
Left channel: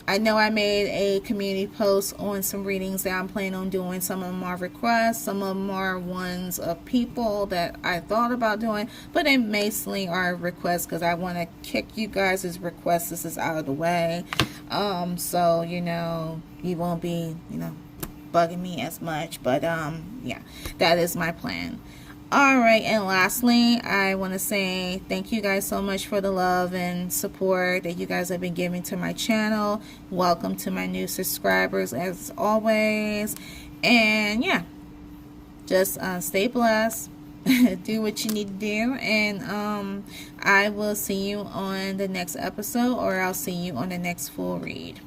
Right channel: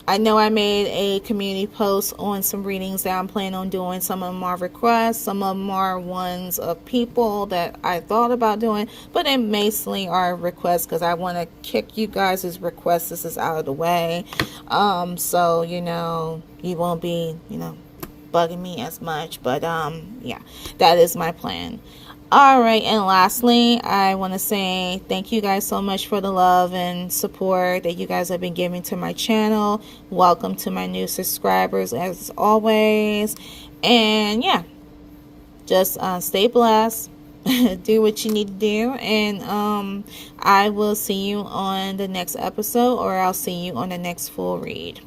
I know I made a community post on some readings that I'm planning on doing. Some of them are requests. Some of them are ones of people that I thought about doing. But they mostly are requests because I want to kick you guys' requests. This is out of the way. So, you know, you won't be, you know, bugging me as much. But, yeah, that is my plan. All right, and lastly, I want to say thank you guys so much for the love and support that you guys have been giving to my channel. Welcome to my new subscribers as always. And yeah, just stay blessed. Do what you need to do, and I will see you on the next episode, or I'll see you on the next full read.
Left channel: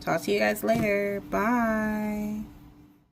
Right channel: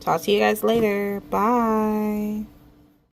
Talk to you guys later. Bye.